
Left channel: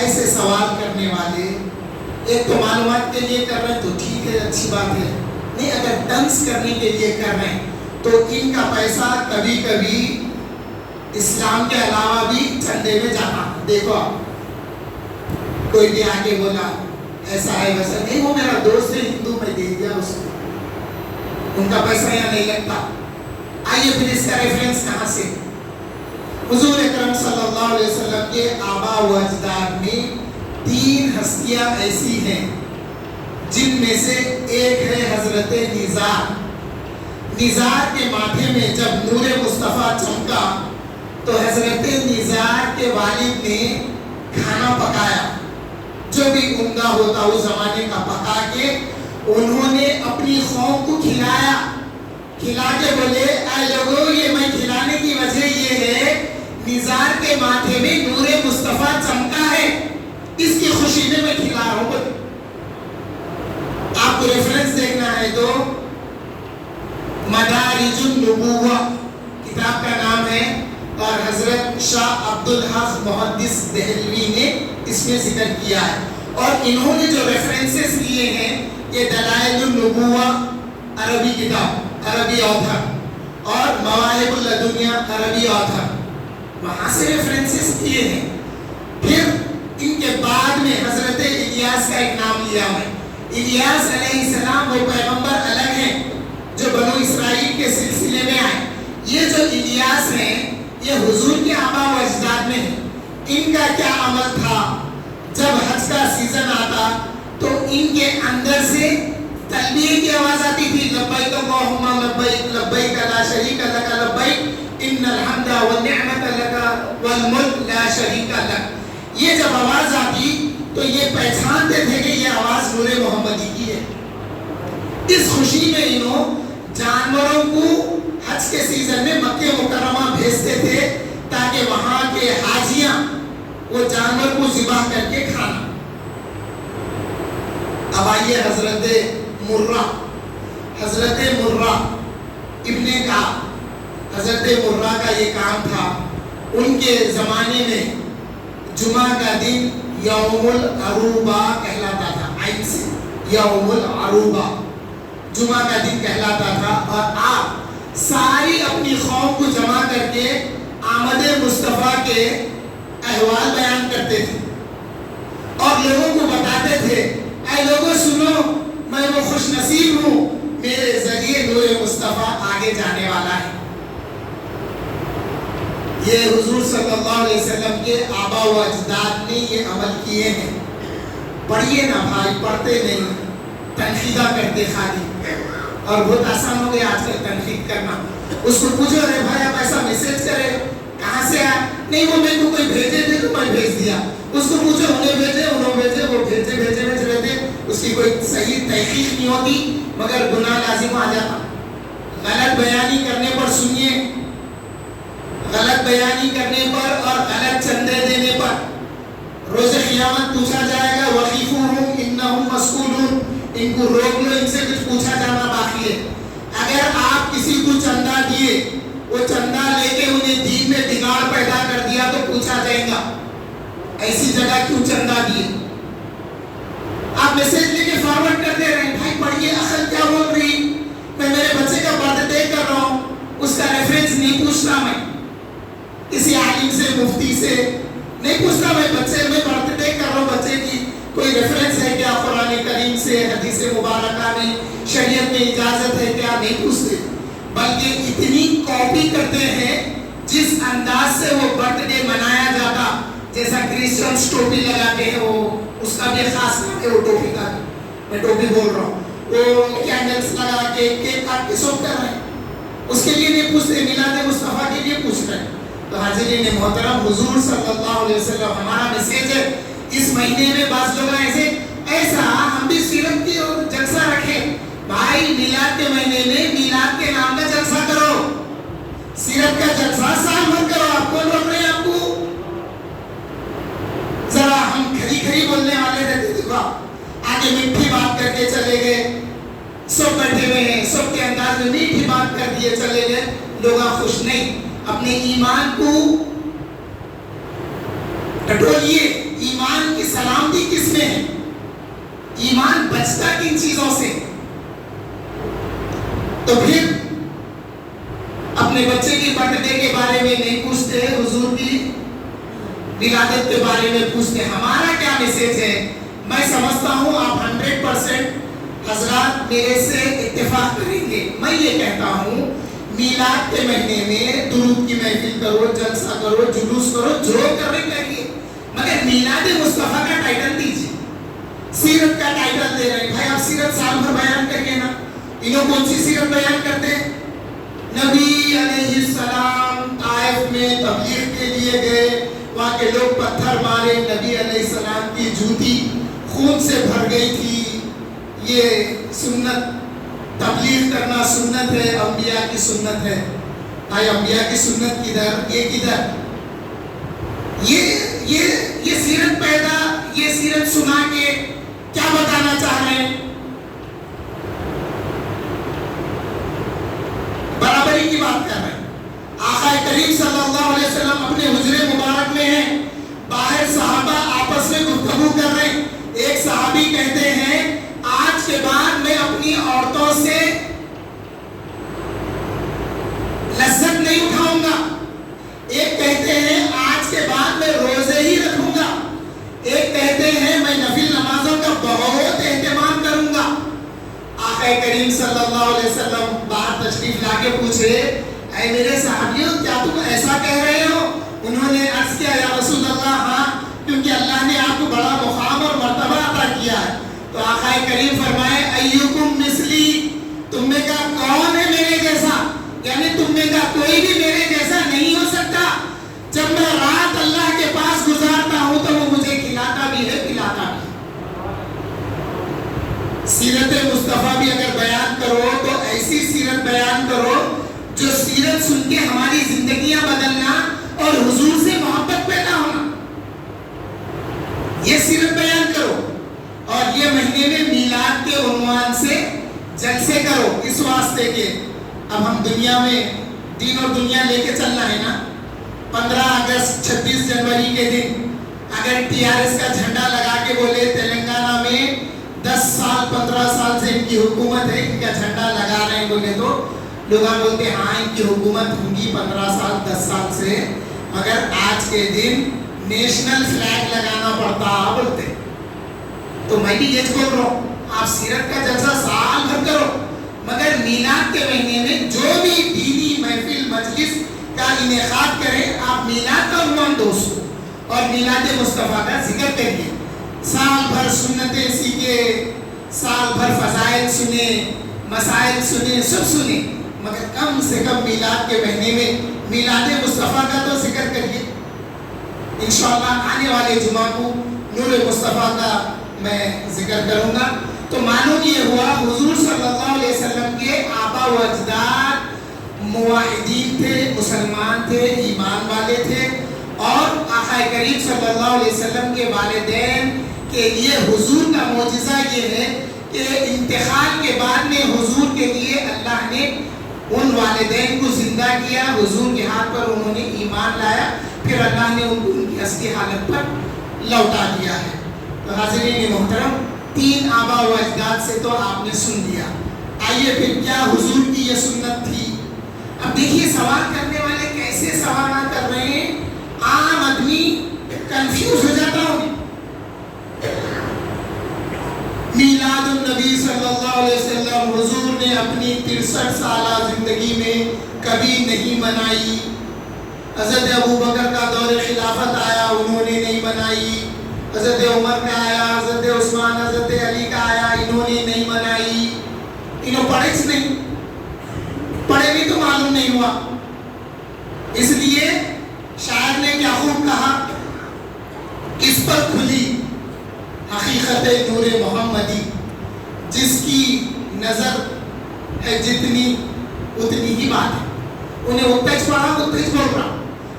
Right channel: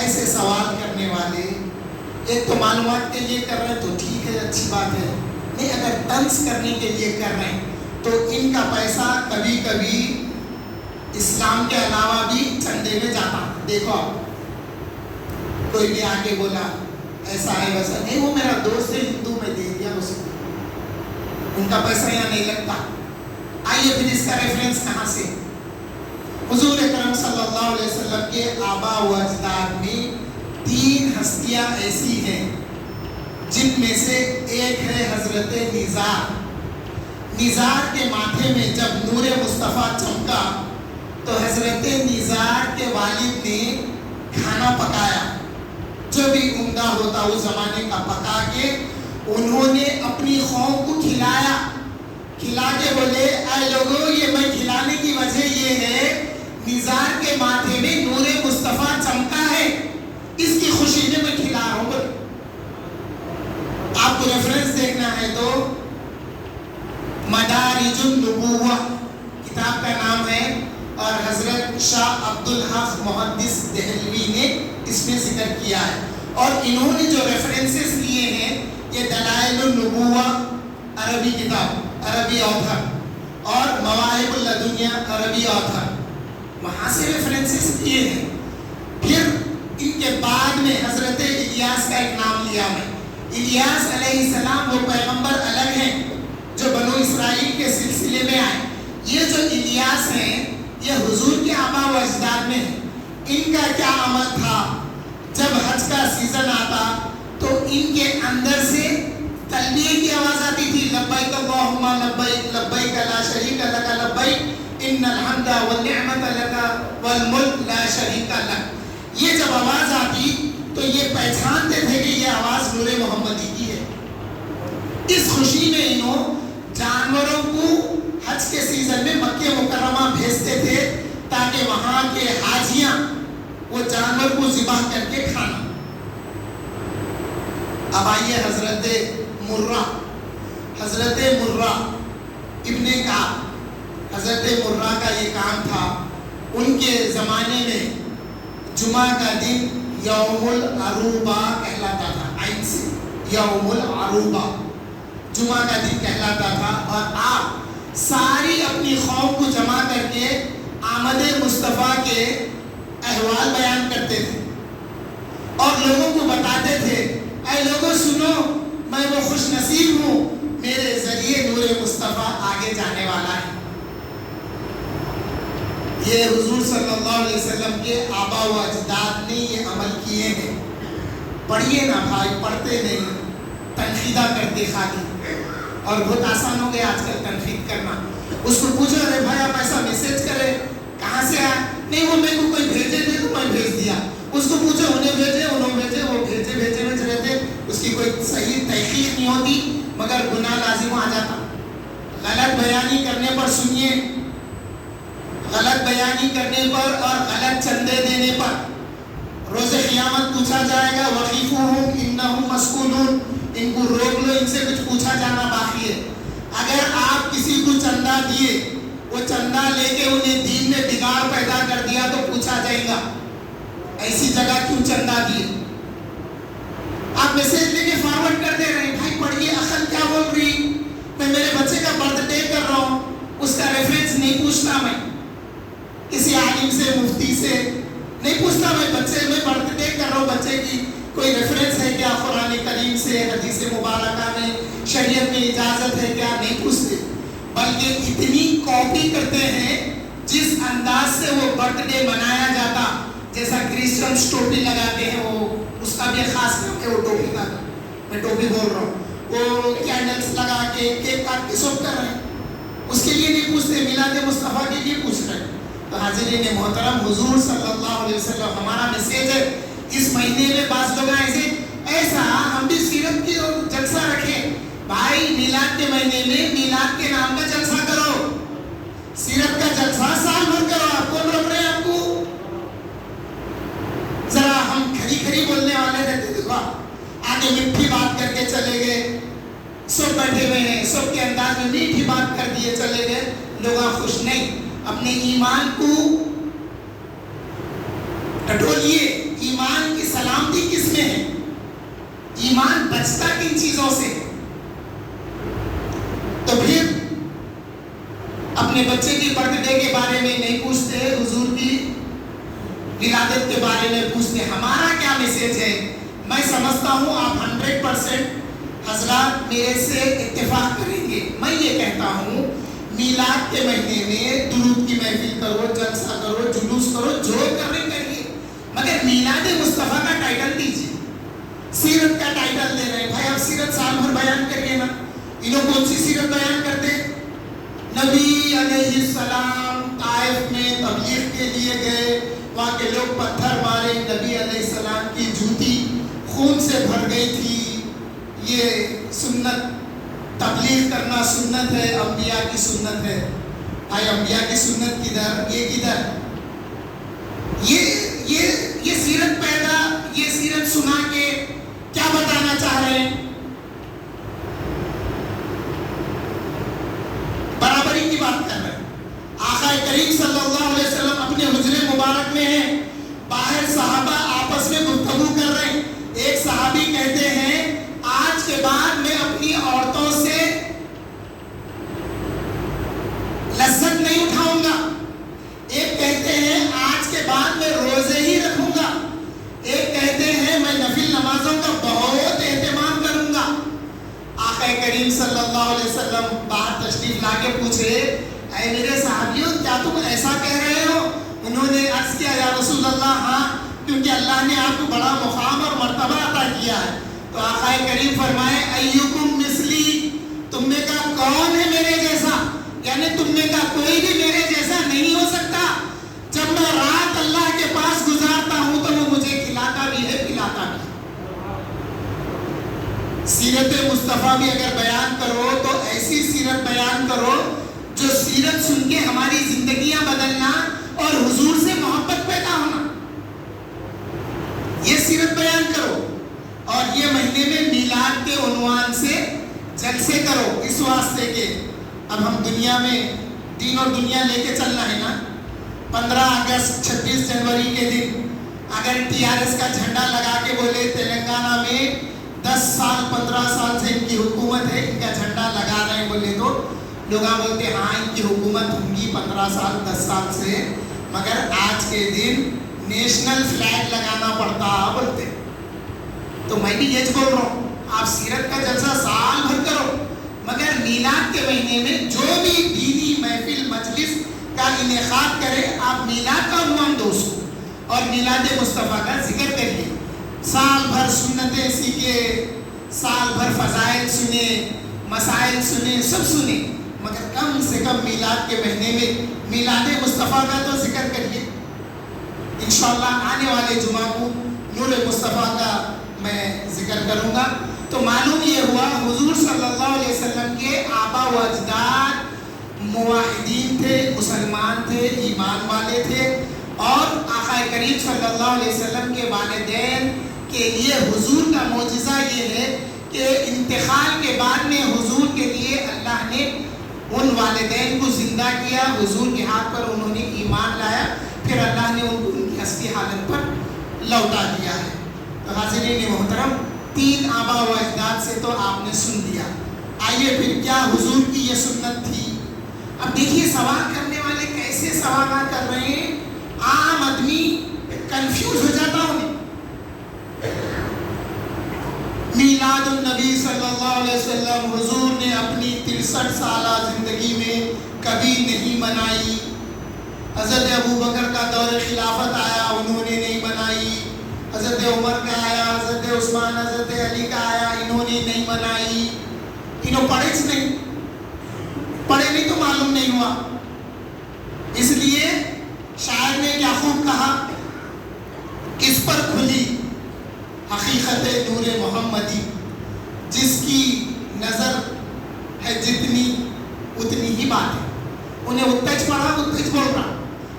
ایسے سوال کرنے والے ایک تو معلومات کے لیے کر رہے ہیں تو ٹھیک ہے، اچھی بات ہے، نہیں اگر ڈنس کرنے کے لیے کر رہے ہیں تو ان کا پیسہ کبھی کبھی اسلام کے علاوہ بھی چندے میں جاتا. دیکھو کوئی بھی آگے بولا ایسا ہے ویسا نہیں، وہ میرا دوست ہے ہندو، میں دے دیا اس کو، ان کا پیسہ یہاں نہیں لگتا. آئیے پھر اس کا ریفرنس کہاں سے؟ حضور اکرم صلی اللہ علیہ وسلم کے آبا و اجداد میں 3 ہستیاں ایسی ہیں جن میں سے ایک ہے حضرت نزار. نزار کے ماتھے میں جب نور مصطفیٰ چمکا تو حضرت نزار کے والد نے کھانا پکایا، جو بھی عمدہ ہوتا اس زمانے کا پکا کے انہوں نے اپنی قوم کو کھلایا. کھلا کے بولے اے لوگوں، یہ میں کھلانے کی وجہ یہ ہے نزار کے ماتھے میں نور مصطفیٰ چمکا ہے، اس کی خوشی میں میں کھلا رہا ہوں. آپ کو ریفرنس دیکھنا ہے تو مدارج النبوہ کتاب کا نام ہے، اور حضرت شاہ عبدالحق محدث دہلوی نے اس میں ذکر کیا ہے. اور انہوں نے جو ریفرنسز لیے ہیں یہ دلائل النبوہ عربی کتاب، عربی آتھر، اور مواہب اللدنیہ عربی آتھر، وہاں سے ریفرنسز کیے ہیں. پھر ان کے بعد میں حضرت الیاس کا ایک نام لیا ہے. الیاس علیہ السلام وہ پیغمبر الگ ہیں جو بنو اسرائیل کے سلسلے میں آئے. یہ جو الیاس ہیں یہ حضور کے آبا و اجداد میں ہیں. ان کا کیا عمل تھا؟ جب حج کا سیزن آتا تو ان کے اندر سے تلبیہ کی آواز آتی تھی، لبیک اللہم لبیک لبیک لا شریک لک لبیک ان الحمد والنعمت لک والملک لا شریک لک. یہ جب آواز آتی تو یہ پہچانتے تھے کہ یہ آواز نور محمدی کی ہے. اس خوشی میں انہوں جانوروں کو حج کے سیزن میں مکہ مکرمہ بھیجتے تھے تاکہ وہاں کے حاجیاں وہ جانور کو ذبح کر کے کھانا. اب آئیے حضرت مرہ ابن کعب. حضرت مرہ کا یہ کام تھا. ان کے زمانے میں جمعہ کا دن یوم العروبہ کہلاتا تھا. عین سے یوم العروبہ جمعہ کا دن کہلاتا تھا. اور آپ ساری اپنی قوم کو جمع کر کے آمد مصطفیٰ کے احوال بیان کرتے تھے اور لوگوں کو بتاتے تھے اے لوگوں سنو، میں وہ خوش نصیب ہوں، میرے ذریعے نور مصطفیٰ آگے جانے والا ہے. یہ حضور صلی اللہ علیہ وسلم کے آبا و اجداد نے یہ عمل کیے ہیں. پڑھیے نا بھائی، پڑھتے نہیں، تنقیدہ کرتے خالی. اور بہت آسان ہو گیا آج کل تنقید کرنا. اس کو پوچھو ارے بھائی آپ ایسا میسج کرے کہاں سے آیا؟ نہیں وہ میرے کو کوئی بھیجے تھے تو میں بھیج دیا. اس کو پوچھو انہیں بھیجے وہ بھیجے میں رہتے، اس کی کوئی صحیح تحقیق نہیں ہوتی مگر گناہ لازم آ جاتا. غلط بیانی کرنے پر سنیے، غلط بیانی کرنے پر اور غلط چندے دینے پر روز قیامت پوچھا جائے گا. وقیفوہم انہم مسئولون، ان کو روک لو، ان سے کچھ پوچھا جانا باقی ہے. اگر آپ کسی کو چندہ دیے، وہ چندہ لے کے انہیں دین میں بگاڑ پیدا کر دیا تو پوچھا جائے گا ایسی جگہ کیوں چندہ دیے. آپ میسج لے کے فارورڈ کرتے رہے، بھائی پڑھیے عقل کیا بول رہی. میں میرے بچے کا برتھ ڈے کر رہا ہوں، اس کا ریفرنس نہیں پوچھتا، میں کسی عالم سے مفتی سے نہیں پوچھتا. میں برتھ ڈے کر رہا ہوں بچے کی، کوئی ریفرنس ہے کیا قرآن کریم سے، حدیث مبارکہ میں، شریعت میں اجازت ہے کیا؟ نہیں پوچھتے. بلکہ اتنی کاپی کرتے ہیں جس انداز سے وہ برتھ ڈے منایا جاتا. جیسا کرسچنز ٹوپی لگاتے ہیں، وہ اس کا بھی خاص نام ہے وہ ٹوپی کا، میں ٹوپی بول رہا ہوں. وہ کینڈلز لگا کے کیک کاٹ کے سب کر رہے ہیں، اس کے لیے نہیں پوچھتے، میلاد مصطفیٰ کے لیے پوچھ رہے ہیں. تو حاضرین محترم، حضور صلی اللہ علیہ وسلم ہمارا میسیج ہے. اس مہینے میں بعض لوگ ایسا ہم بھی سیرت کی جلسہ رکھیں. بھائی میلاد کے مہینے میں میلاد کے نام کا جلسہ کرو، سیرت کا جلسہ سال بھر کرو. آپ کون روک رہے ہیں آپ کو؟ ذرا ہم کھری بولنے والے رہتے تھے، آگے میٹھی بات کر کے چلے گئے، سب بیٹھے ہوئے ہیں، سب کے انداز میں میٹھی بات کر دیے چلے گئے، لوگ خوش نہیں. اپنے ایمان کو ٹٹولیے. ایمان کی سلامتی کس میں ہے؟ ایمان بچتا کن چیزوں سے؟ تو پھر اپنے بچے کی برتھ ڈے کے بارے میں نہیں پوچھتے، حضور کی ولادت کے بارے میں پوچھتے. ہمارا کیا میسج ہے؟ میں سمجھتا ہوں آپ 100% حضرات میرے سے اتفاق کریں گے. میں یہ کہتا ہوں میلاد کے مہینے میں درود کی محفل کرو، جلسہ کرو، جلوس کرو، جو کرنے کریے، مگر میلاد مصطفیٰ کا ٹائٹل دیجیے. سیرت کا ٹائٹل دے رہے ہیں بھائی، آپ سیرت سال بھر بیان کریے نا. انہوں کون سی سیرت بیان کرتے ہیں؟ نبی علیہ السلام طائف میں تبلیغ کے لیے گئے، وہاں کے لوگ پتھر مارے، نبی علیہ السلام کی جوتی خون سے بھر گئی تھی. یہ سنت، تبلیغ کرنا سنت ہے، انبیاء کی سنت ہے. آئے انبیاء کی سنت کدھر؟ یہ کدھر؟ یہ سیرت پیدا، یہ سیرت سنا کے کیا بتانا چاہ رہے ہیں؟ برابری کی بات کر رہے ہیں. آقا کریم صلی اللہ علیہ وسلم اپنے حجرے مبارک میں ہیں، باہر صحابہ آپس میں گفتگو کر رہے ہیں. ایک صحابی کہتے ہیں آج کے بعد میں اپنی عورتوں سے لذت نہیں اٹھاؤں گا. ایک کہتے ہیں آج کے بعد میں روزے ہی رکھوں گا. ایک کہتے ہیں میں نفل نمازوں کا بہت اہتمام کروں گا. آقا کریم صلی اللہ علیہ وسلم باہر تشریف لا کے پوچھے اے میرے صحابیوں کیا تم ایسا کہہ رہے ہو؟ انہوں نے عرض کیا یا رسول اللہ ہاں، کیونکہ اللہ نے آپ کو بڑا مقام اور مرتبہ عطا کیا ہے. تو آقا کریم فرمائے ایکم مثلی، تم میں کا کون ہے میرے جیسا؟ یعنی تم میں کا کوئی بھی میرے جیسا نہیں ہو سکتا. جب میں رات اللہ کے پاس گزارتا ہوں تو وہ مجھے کھلاتا بھی ہے، پلاتا بھی. سیرت مصطفیٰ بھی اگر بیان کرو تو ایسی سیرت بیان کرو جو سیرت سن کے ہماری زندگیاں بدلنا اور حضور سے محبت پیدا ہونا. یہ سیرت بیان کرو. اور یہ مہینے میں میلاد کے عنوان سے جلسے کرو، اس واسطے کہ اب ہم دنیا میں دین اور دنیا لے کے چلنا ہے نا. 15 اگست 26 جنوری کے دن اگر TRS کا جھنڈا لگا کے بولے تلنگانہ میں 10 سال 15 سال سے ان کی حکومت ہے، ان کا جھنڈا لگا رہے ہیں بولے تو لوگ بولتے ہاں ان کی حکومت ہوگی 15 سال 10 سال سے، مگر آج کے دن نیشنل فلیگ لگانا پڑتا بولتے. تو میں بھی یہ بول رہا ہوں آپ سیرت کا جلسہ سال بھر کرو، مگر میلاد کے مہینے میں جو بھی دینی محفل مجلس کا انعقاد کرے آپ میلاد کا عنوان دو اس کو، اور میلاد مصطفیٰ کا ذکر کریے. سال بھر سنتیں سیکھے، سال بھر فضائل سنے، مسائل سنے، سب سنے، مگر کم سے کم میلاد کے مہینے میں میلاد مصطفیٰ کا تو ذکر کریے. انشاءاللہ آنے والے جمعہ کو نور مصطفیٰ کا میں ذکر کروں گا. تو معلوم یہ ہوا حضور صلی اللہ علیہ وسلم کے آبا و اجداد موحدین تھے، مسلمان تھے، ایمان والے تھے، اور آقا کریم صلی اللہ علیہ وسلم کے والدین کے لیے حضور کا معجزہ یہ ہے کہ انتقال کے بعد میں حضور کے لیے اللہ نے ان والدین کو زندہ کیا، حضور کے ہاتھ پر انہوں نے ایمان لایا، پھر اللہ نے ان کو ان کی اصلی حالت پر لوٹا دیا ہے. تو حاضرین محترم 3 آبا و اجداد سے تو آپ نے سن لیا. آئیے پھر کیا حضور کی یہ سنت تھی؟ اب دیکھیے سوال کرنے والے کیسے سوالات کر رہے ہیں، عام آدمی کنفیوز ہو جاتا ہوں. میلاد النبی صلی اللہ علیہ وسلم حضور نے اپنی 63 سالہ زندگی میں کبھی نہیں منائی. حضرت ابوبکر کا دور خلافت آیا، انہوں نے نہیں منائی. حضرت عمر کا آیا، حضرت عثمان، حضرت علی کا آیا، انہوں نے نہیں منائی. انہوں پڑھے نہیں، پڑھے نہیں تو معلوم نہیں ہوا. اس لیے شاعر نے کیا خوب کہا، کس پر کھلی حقیقت نور محمدی، جس کی نظر ہے جتنی اتنی ہی بات ہے. انہیں اتج پڑھا اتج بول رہا.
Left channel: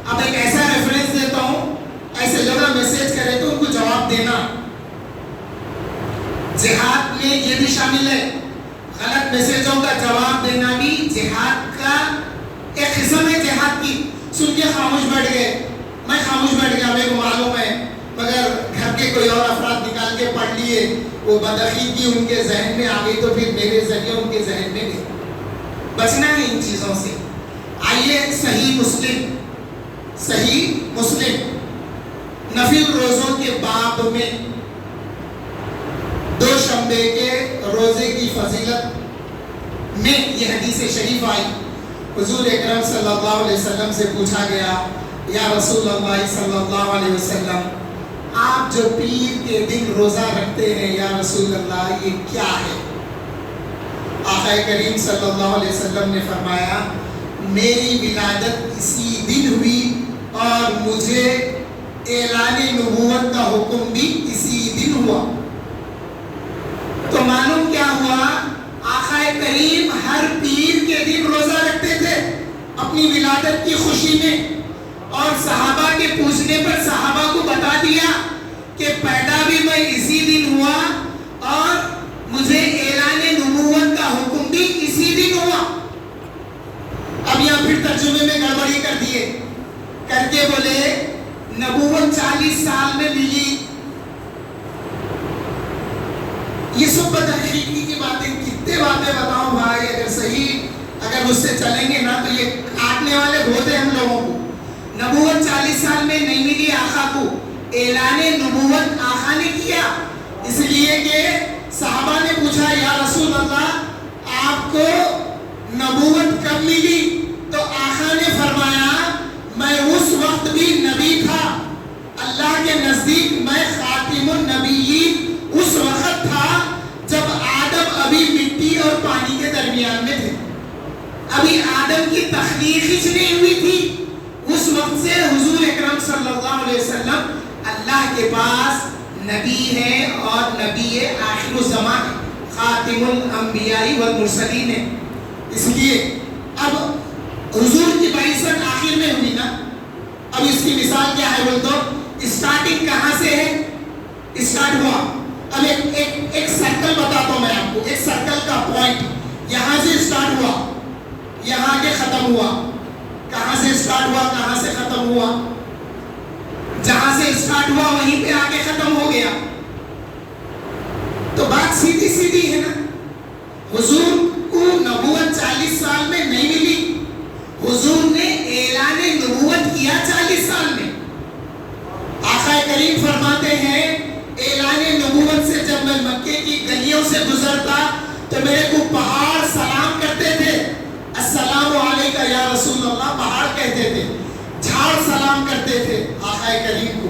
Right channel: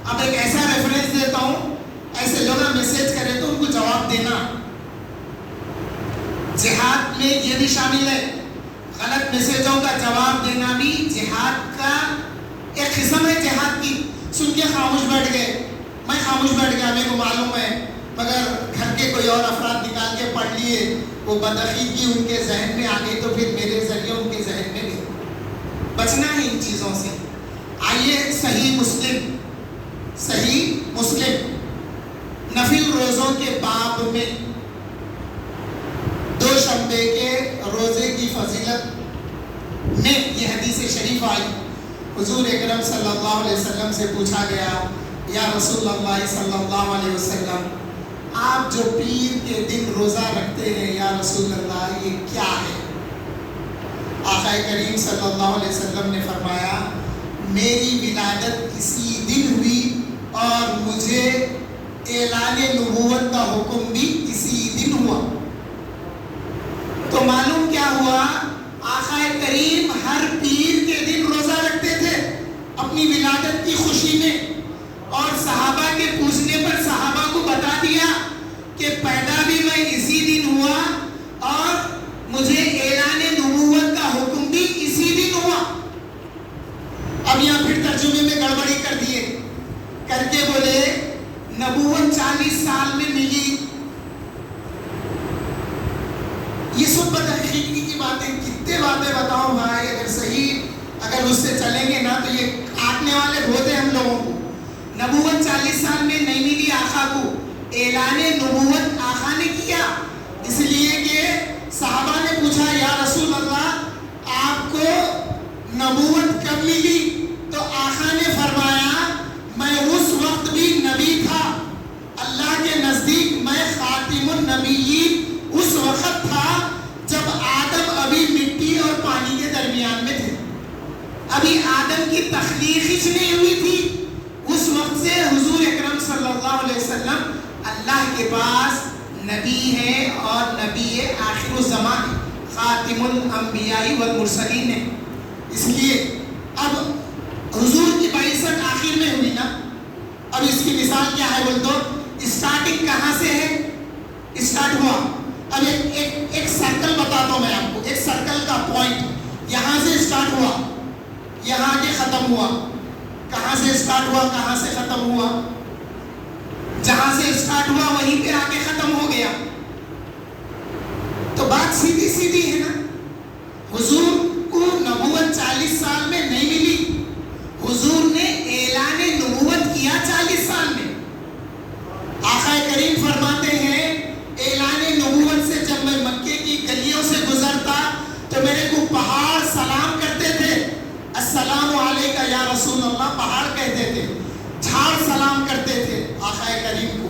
اب ایک ایسا ریفرنس دیتا ہوں، ایسے لوگ میسج کرے تو ان کو جواب دینا. جہاد میں یہ بھی شامل ہے، غلط میسجوں کا جواب دینا بھی جہاد کا ایک قسم ہے. جہاد کی سن کے خاموش بیٹھ گئے، میں خاموش بیٹھ گیا، میرے کو معلوم ہے، مگر کے کوئی اور افراد نکال کے پڑھ لیے, وہ بدعقیدگی ان کے ذہن میں آ گئی تو پھر میرے ذریعے ان کے ذہن میں گئی. بچنا ہے ان چیزوں سے. آئیے صحیح مسلم نفل روزوں کے باب میں دوشنبے کے روزے کی فضیلت میں یہ حدیث شریف آئی. حضور اکرم صلی اللہ علیہ وسلم سے پوچھا گیا, یا رسول اللہ صلی اللہ علیہ وسلم, آپ جو پیر کے دن روزہ رکھتے ہیں یا رسول اللہ, یہ کیا ہے؟ آقا کریم صلی اللہ علیہ وسلم نے فرمایا, میری ولادت اسی دن ہوئی اور مجھے اعلان نبوت کا حکم بھی اسی دن ہوا. تو معلوم کیا ہوا, آقا کریم ہر پیر کے دن روزہ رکھتے تھے اپنی ولادت کی خوشی میں, اور صحابہ کے پوچھنے پر صحابہ کو بتا دیا کہ پیدا بھی میں اسی دن ہوا اور مجھے اعلان نبوت کا حکم بھی اسی دن ہوا. اب یہاں پھر ترجمے میں گڑبڑی کر دیے, کر کے بولے نبوت 40 سال میں ملی. یہ سب بدعقیدگی کی باتیں, کتنے باتیں بتاؤں بھائی, اگر اس سے چلیں گے نا تو یہ کاٹنے والے بہت ہیں ہم لوگوں کو. نبوت 40 سال میں نہیں ملی آقا کو, اعلان نبوت آقا نے کیا. اس لیے کہ صحابہ نے پوچھا, یا رسول اللہ آپ کو نبوت کب ملی؟ تو آقا نے فرمایا, میں اس وقت بھی نبی تھا, اللہ کے نزدیک میں خاتم النبیین اس وقت تھا جب آدم ابھی مٹی اور پانی کے درمیان میں تھے, ابھی آدم کی تخلیق ہی نہیں ہوئی تھی. اس وقت سے حضور اکرم صلی اللہ علیہ وسلم اللہ کے پاس نبی ہے اور نبی آخر الزمان, خاتم الانبیاء والمرسلین ہے. اس لیے اب حضور کی بعثت آخر میں ہوئی نا, اب اس کی مثال کیا ہے بول تو, اسٹارٹنگ کہاں سے ہے, اسٹارٹ ہوا. اب ایک سرکل بتاتا ہوں میں آپ کو, ایک سرکل کا پوائنٹ یہاں سے اسٹارٹ ہوا, یہاں کے ختم ہوا. کہاں سے اسٹارٹ ہوا, کہاں سے ختم ہوا؟ جہاں سے اسٹارٹ ہوا وہیں پہ آ کے ختم ہو گیا. تو بات سیدھی سیدھی ہے نا. حضور کو نبوت 40 سال میں نہیں ملی, حضور نے اعلان نبوت کیا 40 سال میں. آقا کریم فرماتے ہیں, اعلان نبوت سے جب میں مکے کی گلیوں سے گزرتا تو میرے کو پہاڑ سلام کرتے تھے, السلام علیکہ یا رسول اللہ پہاڑ کہتے تھے, جھاڑ سلام کرتے تھے آقا کریم کو.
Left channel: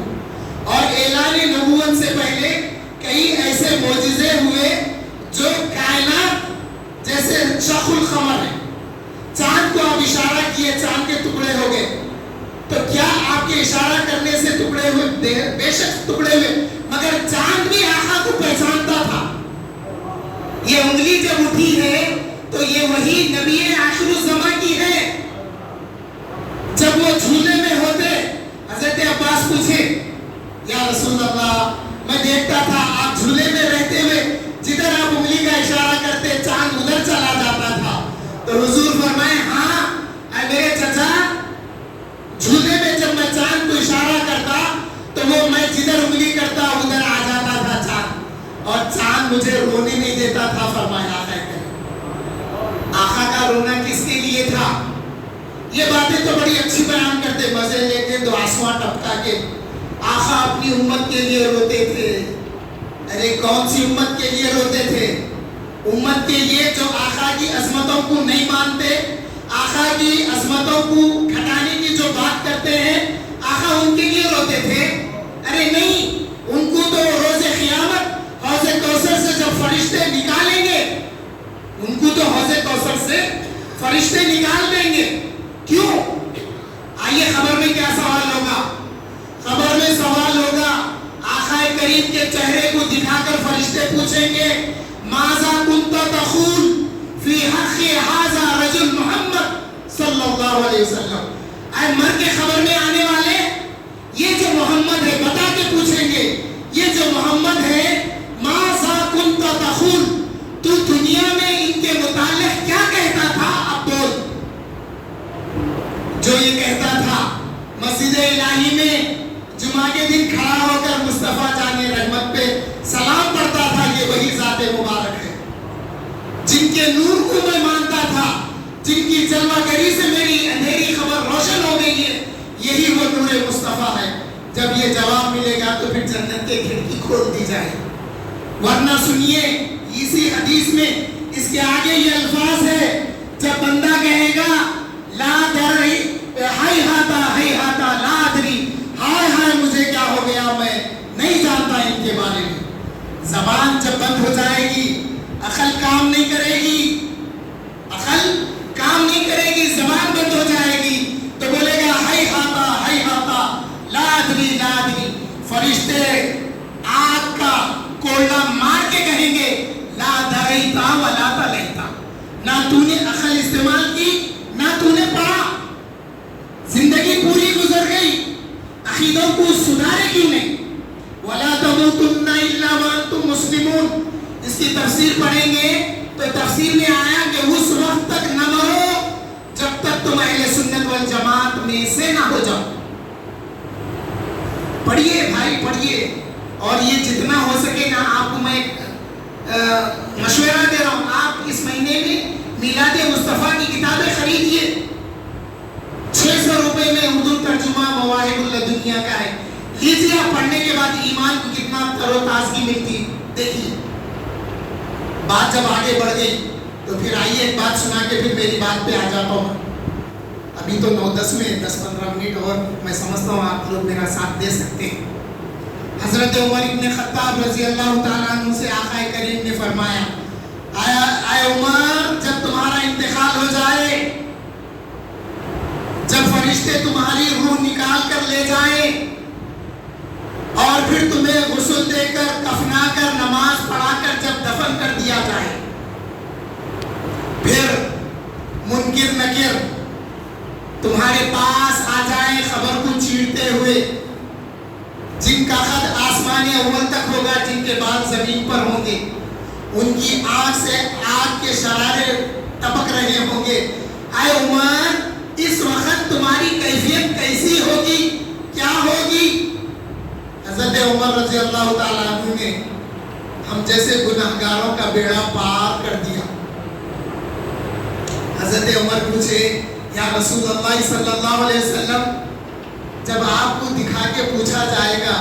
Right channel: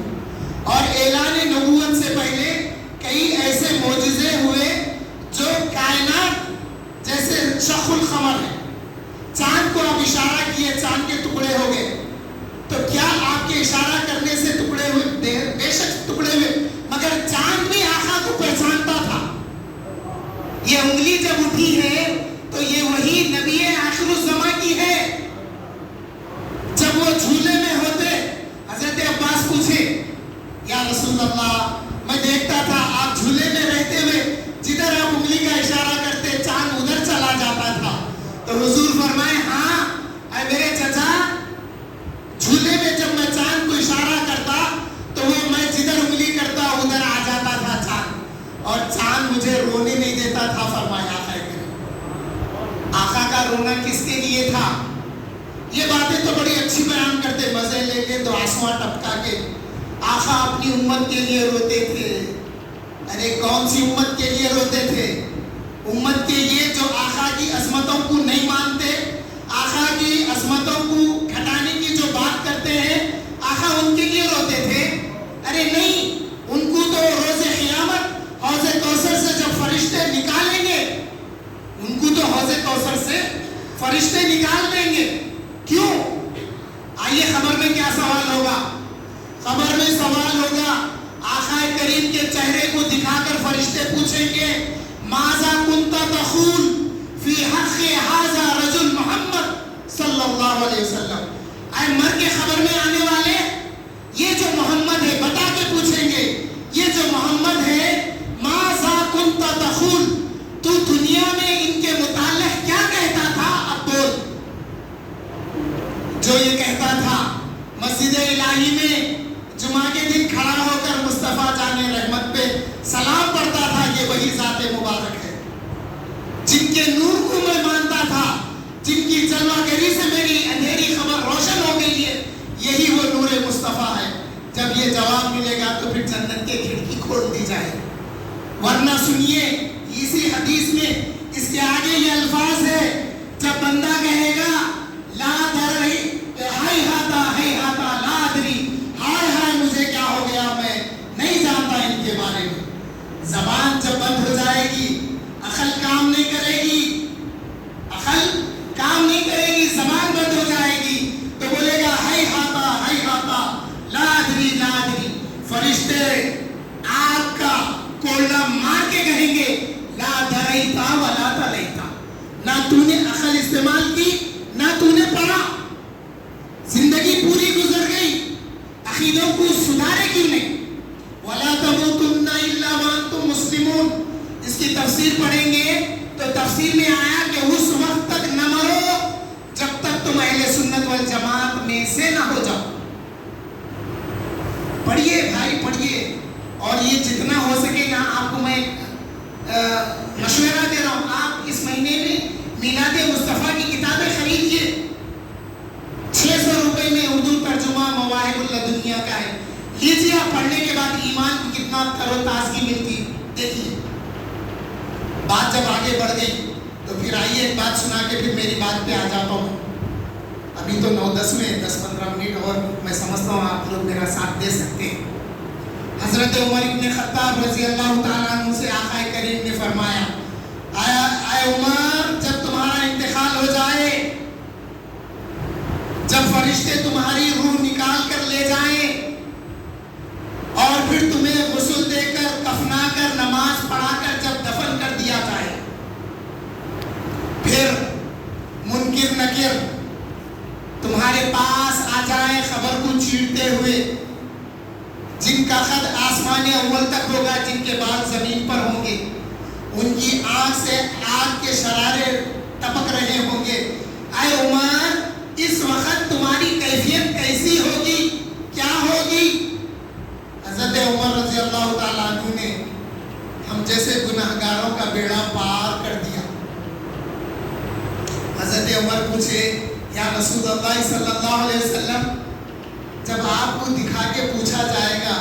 اور اعلان نبوت سے پہلے کئی ایسے معجزے ہوئے جو کائنات, جیسے شق القمر ہے, چاند کو آپ اشارہ کیے چاند کے ٹکڑے ہو گئے, تو کیا آپ کے اشارہ کرنے سے ٹکڑے ہوئے؟ بے شک ٹکڑے ہوئے, مگر چاند بھی آقا کو پہچانتا تھا. یہ انگلی جب اٹھی ہے تو یہ وہی نبی آخر الزمان کی ہے. جب وہ جھولے میں ہوتے, حضرت عباس پوچھے, یا رسول اللہ میں دیکھتا تھا آپ جھولے میں رہتے ہوئے جدھر آپ انگلی کا اشارہ کرتے چاند ادھر چلا جاتا تھا. تو حضور فرمائے, ہاں اے میرے چچا, جھولے میں جب میں چاند کو اشارہ کرتا تو وہ میں جدھر انگلی کرتا ادھر آ جاتا تھا چاند, اور چاند مجھے رونے نہیں دیتا تھا. فرمایا آقا کا رونا کس کے لیے تھا؟ یہ باتیں تو بڑی اچھی بیان کرتے, مزے لے کے تو آنسواں ٹپکا کے. آقا اپنی امت کے لیے روتے تھے. ارے کون سی امت کے لیے روتے تھے؟ امت کے لیے جو آقا کی عظمتوں کو نہیں مانتے, آقا کی عظمتوں کو گھٹانے کی جو بات کرتے ہیں, آقا ان کے لیے روتے تھے. ارے نہیں, ان کو تو روز قیامت حوض کوثر سے جب فرشتے نکالیں گے, ان کو تو حوض کوثر سے فرشتے نکال دیں گے. کیوں؟ آئیے خبر میں کیا سوال ہوگا. خبر میں سوال ہوگا, آقا کریم کے چہرے کو دکھا کر فرشتے پوچھیں گے, ماذا کنت تقول فی حق ھذا رجل محمد صلی اللہ علیہ وسلم. اے مر کے خبر میں آنے والے, یہ جو محمد ہے بتا کے پوچھیں گے, یہ جو محمد ہے, ماذا کنت تقول, تو دنیا میں ان کے متعلق کیا کہتا تھا؟ اب بول. جو یہ کہتا تھا مسجد الہی میں جمعہ کے دن کھڑا ہو کر مصطفیٰ جان رحمت پہ سلام پڑھتا تھا، یہ وہی ذات مبارک ہے جن کے نور کو میں مانتا تھا، جن کی جلوہ گری سے میری اندھیری خبر روشن ہو گئی ہے، یہی وہ نور مصطفیٰ ہے۔ جب یہ جواب ملے گا تو پھر جنت کے کھڑکی کھول دی جائے، ورنہ سنیے اسی حدیث میں اس کے آگے یہ الفاظ ہے، جب بندہ کہے گا لا دری ہیہاتا لا ادری، ہائے ہائے مجھے کیا ہو گیا، میں نہیں جانتا ان کے بارے میں۔ زبان جب بند ہو جائے گی، عقل کام نہیں کرے گی، زبان بند ہو جائے گی تو بولے گا ہیہاتا لا ادری لا ادری۔ فرشتے آگ کا کولڈا مار کے کہیں گے لا دریتا ولا تلیتا، نہ تو نے عقل استعمال کی نہ تو نے پڑھا، زندگی پوری گزر گئی، عقیدوں کو سدھارے کی نہیں۔ ولا تموتن الا وانتم مسلمون، اس کی تفسیر پڑھیں گے تو تفسیر میں آیا کہ اس وقت تک نہ مرو جب تک تم اہل سنت والجماعت میں سے نہ ہو جاؤ۔ پڑھیے بھائی پڑھیے، اور یہ جتنا ہو سکے نا آپ کو میں مشورہ دے رہا ہوں، آپ اس مہینے میں میلاد مصطفیٰ کی کتابیں خریدیے، 600 روپے میں اردو ترجمہ مواہب اللدنیا کا ہے، لیجیے، آپ پڑھنے کے بعد ایمان کو کتنا تر و تازگی ملتی دیکھیے۔ بات جب آگے بڑھ گئی تو پھر آئیے ایک بات سنا کے پھر میری بات پہ آ جاتا ہوں۔ ابھی تو 9-10 میں 10-15 منٹ اور میں سمجھتا ہوں آپ لوگ میرا ساتھ دے سکتے ہیں۔ حضرت عمر ابن خطاب رضی اللہ تعالیٰ عنہ سے آقا کریم نے فرمایا، اے عمر، جب تمہارا انتقال ہو جائے، جب فرشتے تمہاری روح نکال کر لے جائیں اور پھر تمہیں غسل دے کر کفنا کر نماز پڑھا کر جب دفن کر دیا جائے، پھر منکر نکر تمہارے پاس آ جائیں خبر کو چیرتے ہوئے، جن کا خط آسمان اول تک ہوگا، جن کے بال زمین پر ہوں گے، ان کی آنکھ سے آگ کے شرارے ٹپک رہے ہوں گے، اے عمر اس وقت تمہاری کیفیت کیسی ہوگی، کیا ہوگی؟ حضرت عمر رضی اللہ تعالیٰ عنہ نے ہم جیسے گناہگاروں کا بیڑا پار کر دیا۔ حضرت عمر پوچھے، یا رسول اللہ صلی اللہ علیہ وسلم، جب آپ کو دکھا کے پوچھا جائے گا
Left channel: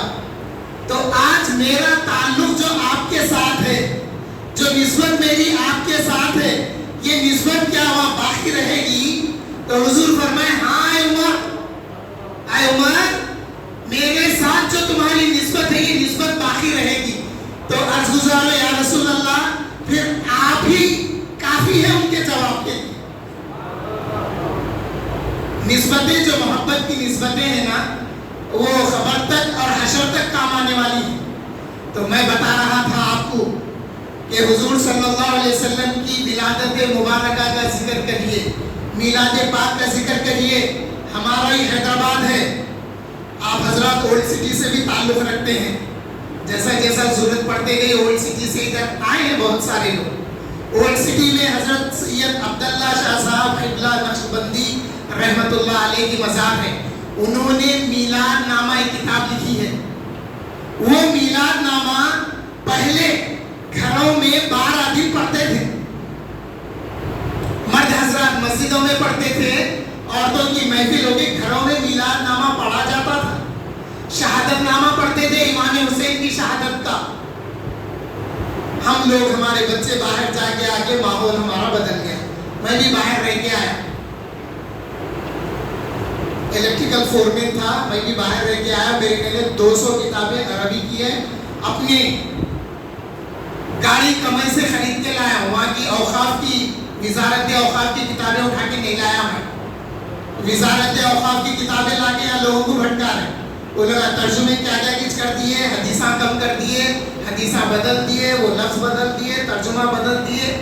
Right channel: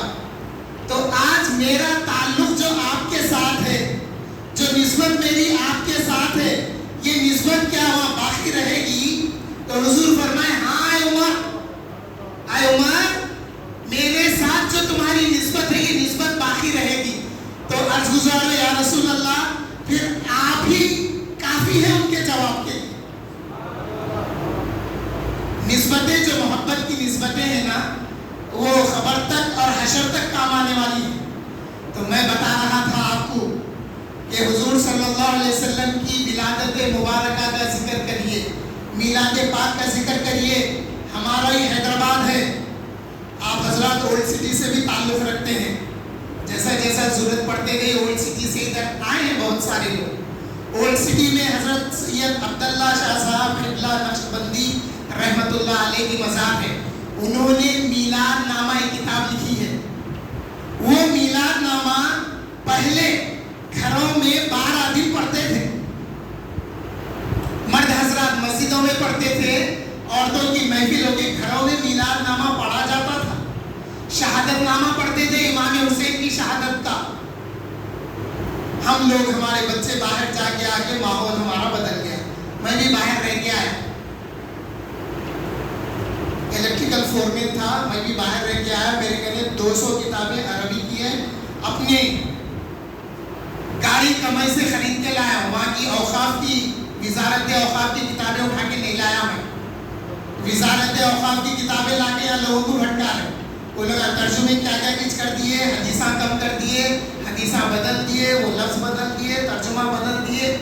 تو آج میرا تعلق جو آپ کے ساتھ ہے، جو نسبت میری آپ کے ساتھ ہے، یہ نسبت کیا وہاں باقی رہے گی؟ تو حضور فرمائے، ہاں اے عمر، میرے ساتھ جو تمہاری نسبت ہے یہ نسبت باقی رہے گی۔ تو عرض گزار یا رسول اللہ، پھر آپ ہی کافی ہے ان کے جواب کے لیے۔ نسبتیں جو محبت کی نسبتیں ہیں نا، وہ خبر تک اور حشر تک کام آنے والی ہیں۔ تو میں بتا رہا تھا آپ کو کہ حضور صلی اللہ علیہ وسلم کی ولادت مبارکہ کا ذکر کریے، میلاد پاک کا ذکر کریے، ہمارا ہی حیدرآباد ہے، آپ حضرات اولڈ سٹی سے بھی تعلق رکھتے ہیں، جیسا جیسا ضرورت پڑتے گئی اولڈ سٹی سے ادھر آئے ہیں بہت سارے لوگ۔ اولڈ سٹی میں حضرت سید عبداللہ شاہ صاحب قبلہ نقشبندی رحمت اللہ علیہ کی مزار ہے، انہوں نے میلاد نامہ ایک کتاب لکھی ہے۔ وہ میلاد نامہ پہلے گھروں میں 12 دن پڑھتے تھے، مرد حضرات مسجدوں میں پڑھتے تھے، عورتوں کی محفل ہو کے گھروں میں میلاد نامہ پڑھا جاتا تھا، شہادت نامہ پڑھتے تھے، امام حسین کی شہادت کا۔ ہم لوگ، ہمارے بچے باہر جا کے آگے ماحول ہمارا بدل گیا، میں بھی باہر رہ کے آیا، الیکٹریکل فورمین تھا، میں بھی باہر رہ کے آیا، میرے میں نے 200 کتابیں عربی کی ہیں، اپنے گاڑی کمائی سے خرید کے لایا ہوں، وہاں کی اوقاف کی وزارت اوقاف کی کتابیں اٹھا کے نہیں لایا میں، وزارت اوقاف کی کتابیں لا کے لوگوں کو بھٹکا رہے، وہ لوگ ترجمے کیا کیا کچھ کر دیے، حدیثاں کم کر دیے، حدیثاں بدل دیے، وہ لفظ بدل دیے، ترجمہ بدل دیے،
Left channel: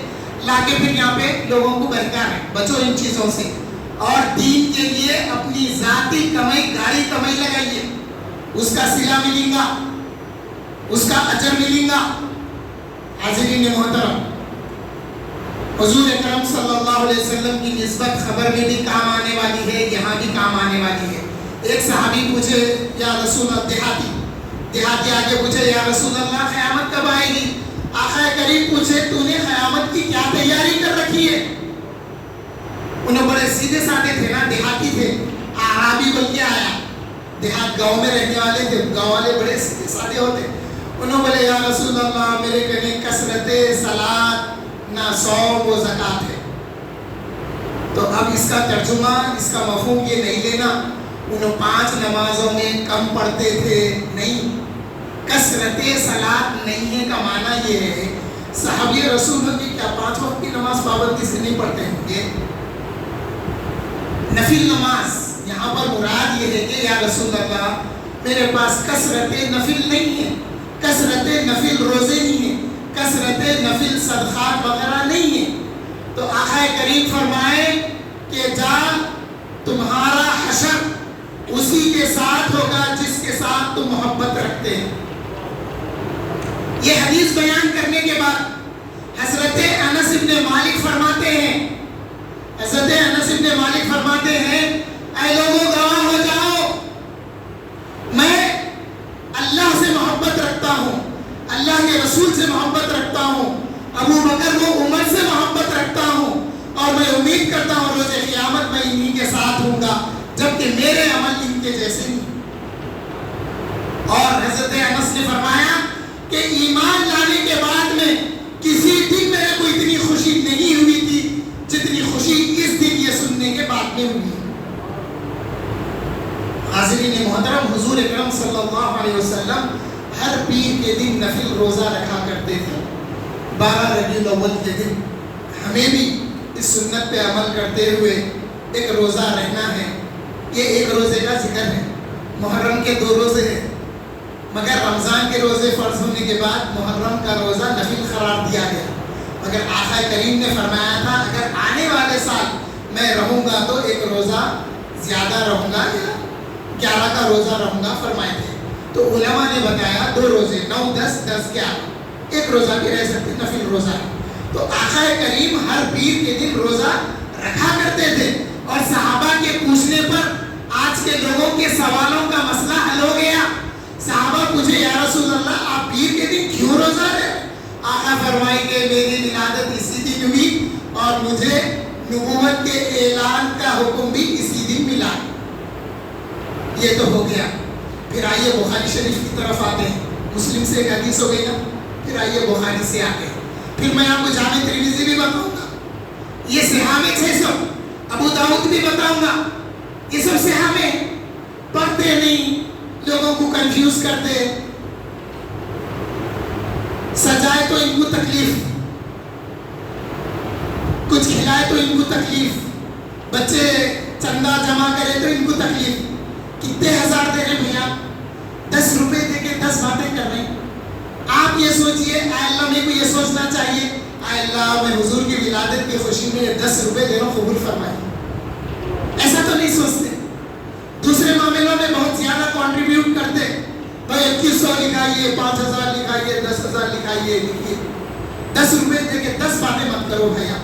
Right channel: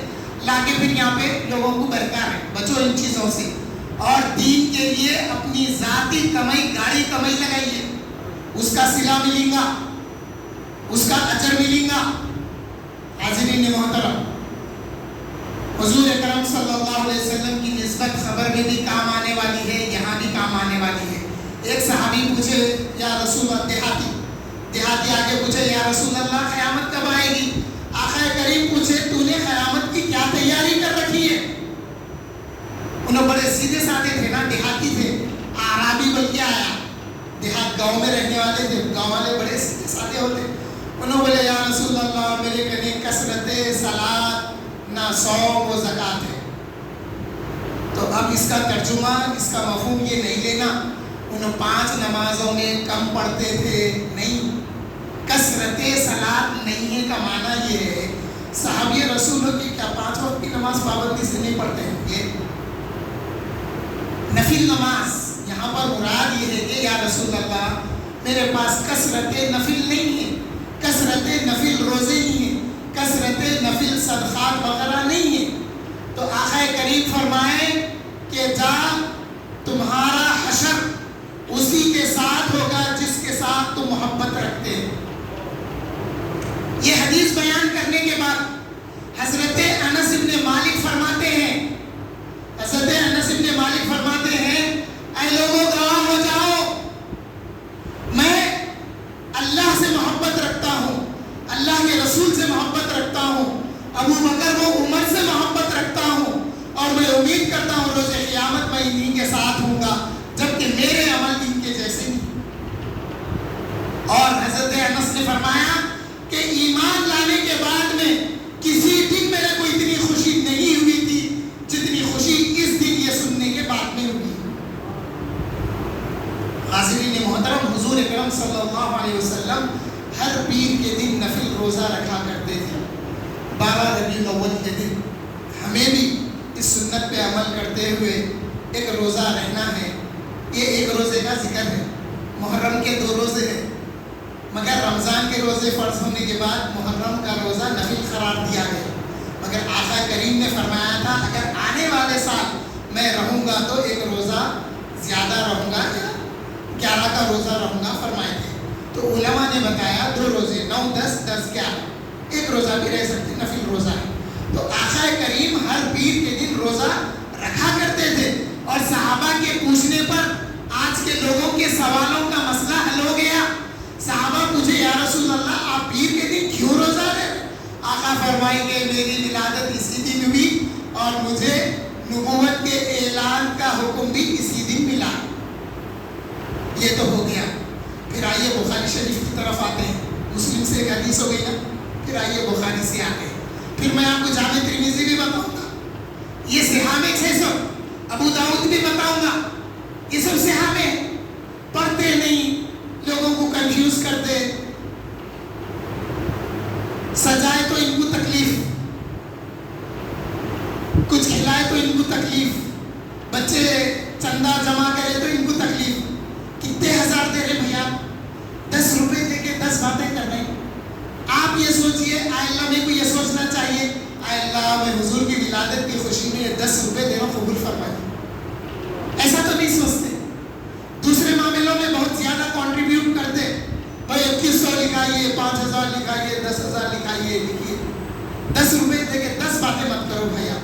لا کے پھر یہاں پہ لوگوں کو بہکا رہے۔ بچو ان چیزوں سے، اور دین کے لیے اپنی ذاتی کمائی، گاڑی کمائی لگائیے، اس کا صلہ ملیں گا، اس کا اجر ملیں گا۔ حاضرین محترم، حضور اکرم صلی اللہ علیہ وسلم کی نسبت خبر میں بھی کام آنے والی ہے، یہاں بھی کام آنے والی ہے۔ ایک صحابی پوچھے یا رسول اللہ، دیہاتی آگے پوچھے یا رسول اللہ قیامت کب آئے گی؟ آقا کریم پوچھے تو نے قیامت کی کیا تیاری کر رکھی ہے؟ انہوں بڑے سیدھے سادے تھے نا، دیہاتی تھے، اعرابی بول کے آیا، دیہات گاؤں میں رہنے والے تھے، گاؤں والے بڑے سیدھے سادے ہوتے. انہوں بولے یا رسول اللہ میرے کنے کثرت صلاۃ نہ صوم و زکوٰۃ ہے. تو اب اس کا ترجمہ، اس کا مفہوم یہ نہیں لینا انہوں 5 نمازوں میں کم پڑھتے تھے، نہیں. کثرت صلاۃ نہیں ہے کا معنی یہ ہے صحابی رسول کی کیا 5 وقت کی نماز پابندی سے نہیں پڑھتے ہوں گے؟ نفل نماز یہاں پر مراد یہ ہے کہ یا رسول اللہ میرے پاس کثرت نفل نہیں ہے، کثرت نفل روزے نہیں ہے، کثرت نفل صدقات وغیرہ نہیں ہے. تو آقا کریم فرمائے کہ جا تمہارا حشر اسی کے ساتھ ہوگا جس کے ساتھ تم محبت رکھتے ہیں. یہ حدیث بیان کرنے کے بعد حضرت انس بن مالک فرماتے ہیں، اے لوگوں گواہ ہو جاؤ میں اللہ سے محبت رکھتا ہوں، اللہ کے رسول سے محبت رکھتا ہوں، ابو بکر و عمر سے محبت رکھتا ہوں، اور میں امید کرتا ہوں روز قیامت میں انہی کے ساتھ ہوں گا جبکہ میرے عمل ان کے جیسے نہیں. اور حضرت انس نے فرمایا کہ ایمان لانے کے بعد میں کسی دن میرے کو اتنی خوشی نہیں ہوئی تھی جتنی خوشی اس دن یہ سننے کے بعد میں ہوئی. حاضرین محترم، حضور اکرم صلی اللہ علیہ وسلم ہر پیر کے دن نفل روزہ رکھا کرتے تھے. 12 ربیع الاول کے دن ہمیں بھی اس سنت پہ عمل کرتے ہوئے ایک روزہ رہنا ہے. یہ ایک روزے کا ذکر ہے. محرم کے 2 روزے ہیں، مگر رمضان کے روزے فرض ہونے کے بعد محرم کا روزہ نفل قرار دیا گیا. مگر آقا کریم نے فرمایا تھا اگر آنے والے سال میں رہوں گا تو ایک روزہ زیادہ رہوں گا یا 11 کا روزہ رہوں گا فرمائے تھے. تو علماء نے بتایا 2 روزے 9 10 10 11 ایک روزہ بھی رہ سکتے، نفل روزہ ہے. تو آقا کریم ہر پیر کے دن روزہ رکھا کرتے تھے. اور صحابہ کے پوچھنے پر آج کے لوگوں کے سوالوں کا مسئلہ حل ہو گیا. صحابہ پوچھے یا رسول اللہ آپ پیر کے دن کیوں روزہ رہے؟ آقا فرمائیں گے میری ولادت اسی دن ہوئی اور مجھے نبوت کے اعلان کا حکم بھی اسی دن ملا. یہ تو ہو گیا. پھر آئیے بخاری شریف کی طرف آتے ہیں. مسلم سے ایک حدیث ہو گئی نا، پھر آئیے بخاری سے آتے ہیں. پھر میں آپ کو جامع ترمذی بھی بتاؤں گا، یہ صحابہ 600، ابو داؤد بھی بتاؤں گا. یہ سب صحابہ پڑھتے نہیں، لوگوں کو کنفیوز کرتے، سجائے تو ان کو تکلیف، کچھ کھلائے تو ان کو تکلیف، بچے چندہ جمع کرے تو ان کو تکلیف. کتنے ہزار دے رہے بھیا، 10 روپے دے کے 10 باتیں کر رہے ہیں. آپ یہ سوچئے اے اللہ میرے کو یہ سوچنا چاہیے اے اللہ میں حضور کی ولادت کی خوشی میں 10 روپے دے رہا ہوں، قبول فرمائے. ایسا تو نہیں سوچتے. دوسرے معاملوں میں بہت زیادہ کنٹریبیوٹ کرتے، بھائی 2100 لکھائیے، 5000 لکھائیے، 10,000 لکھائیے، لکھیے. 10 روپے دے کے 10 باتیں مت کرو بھیا.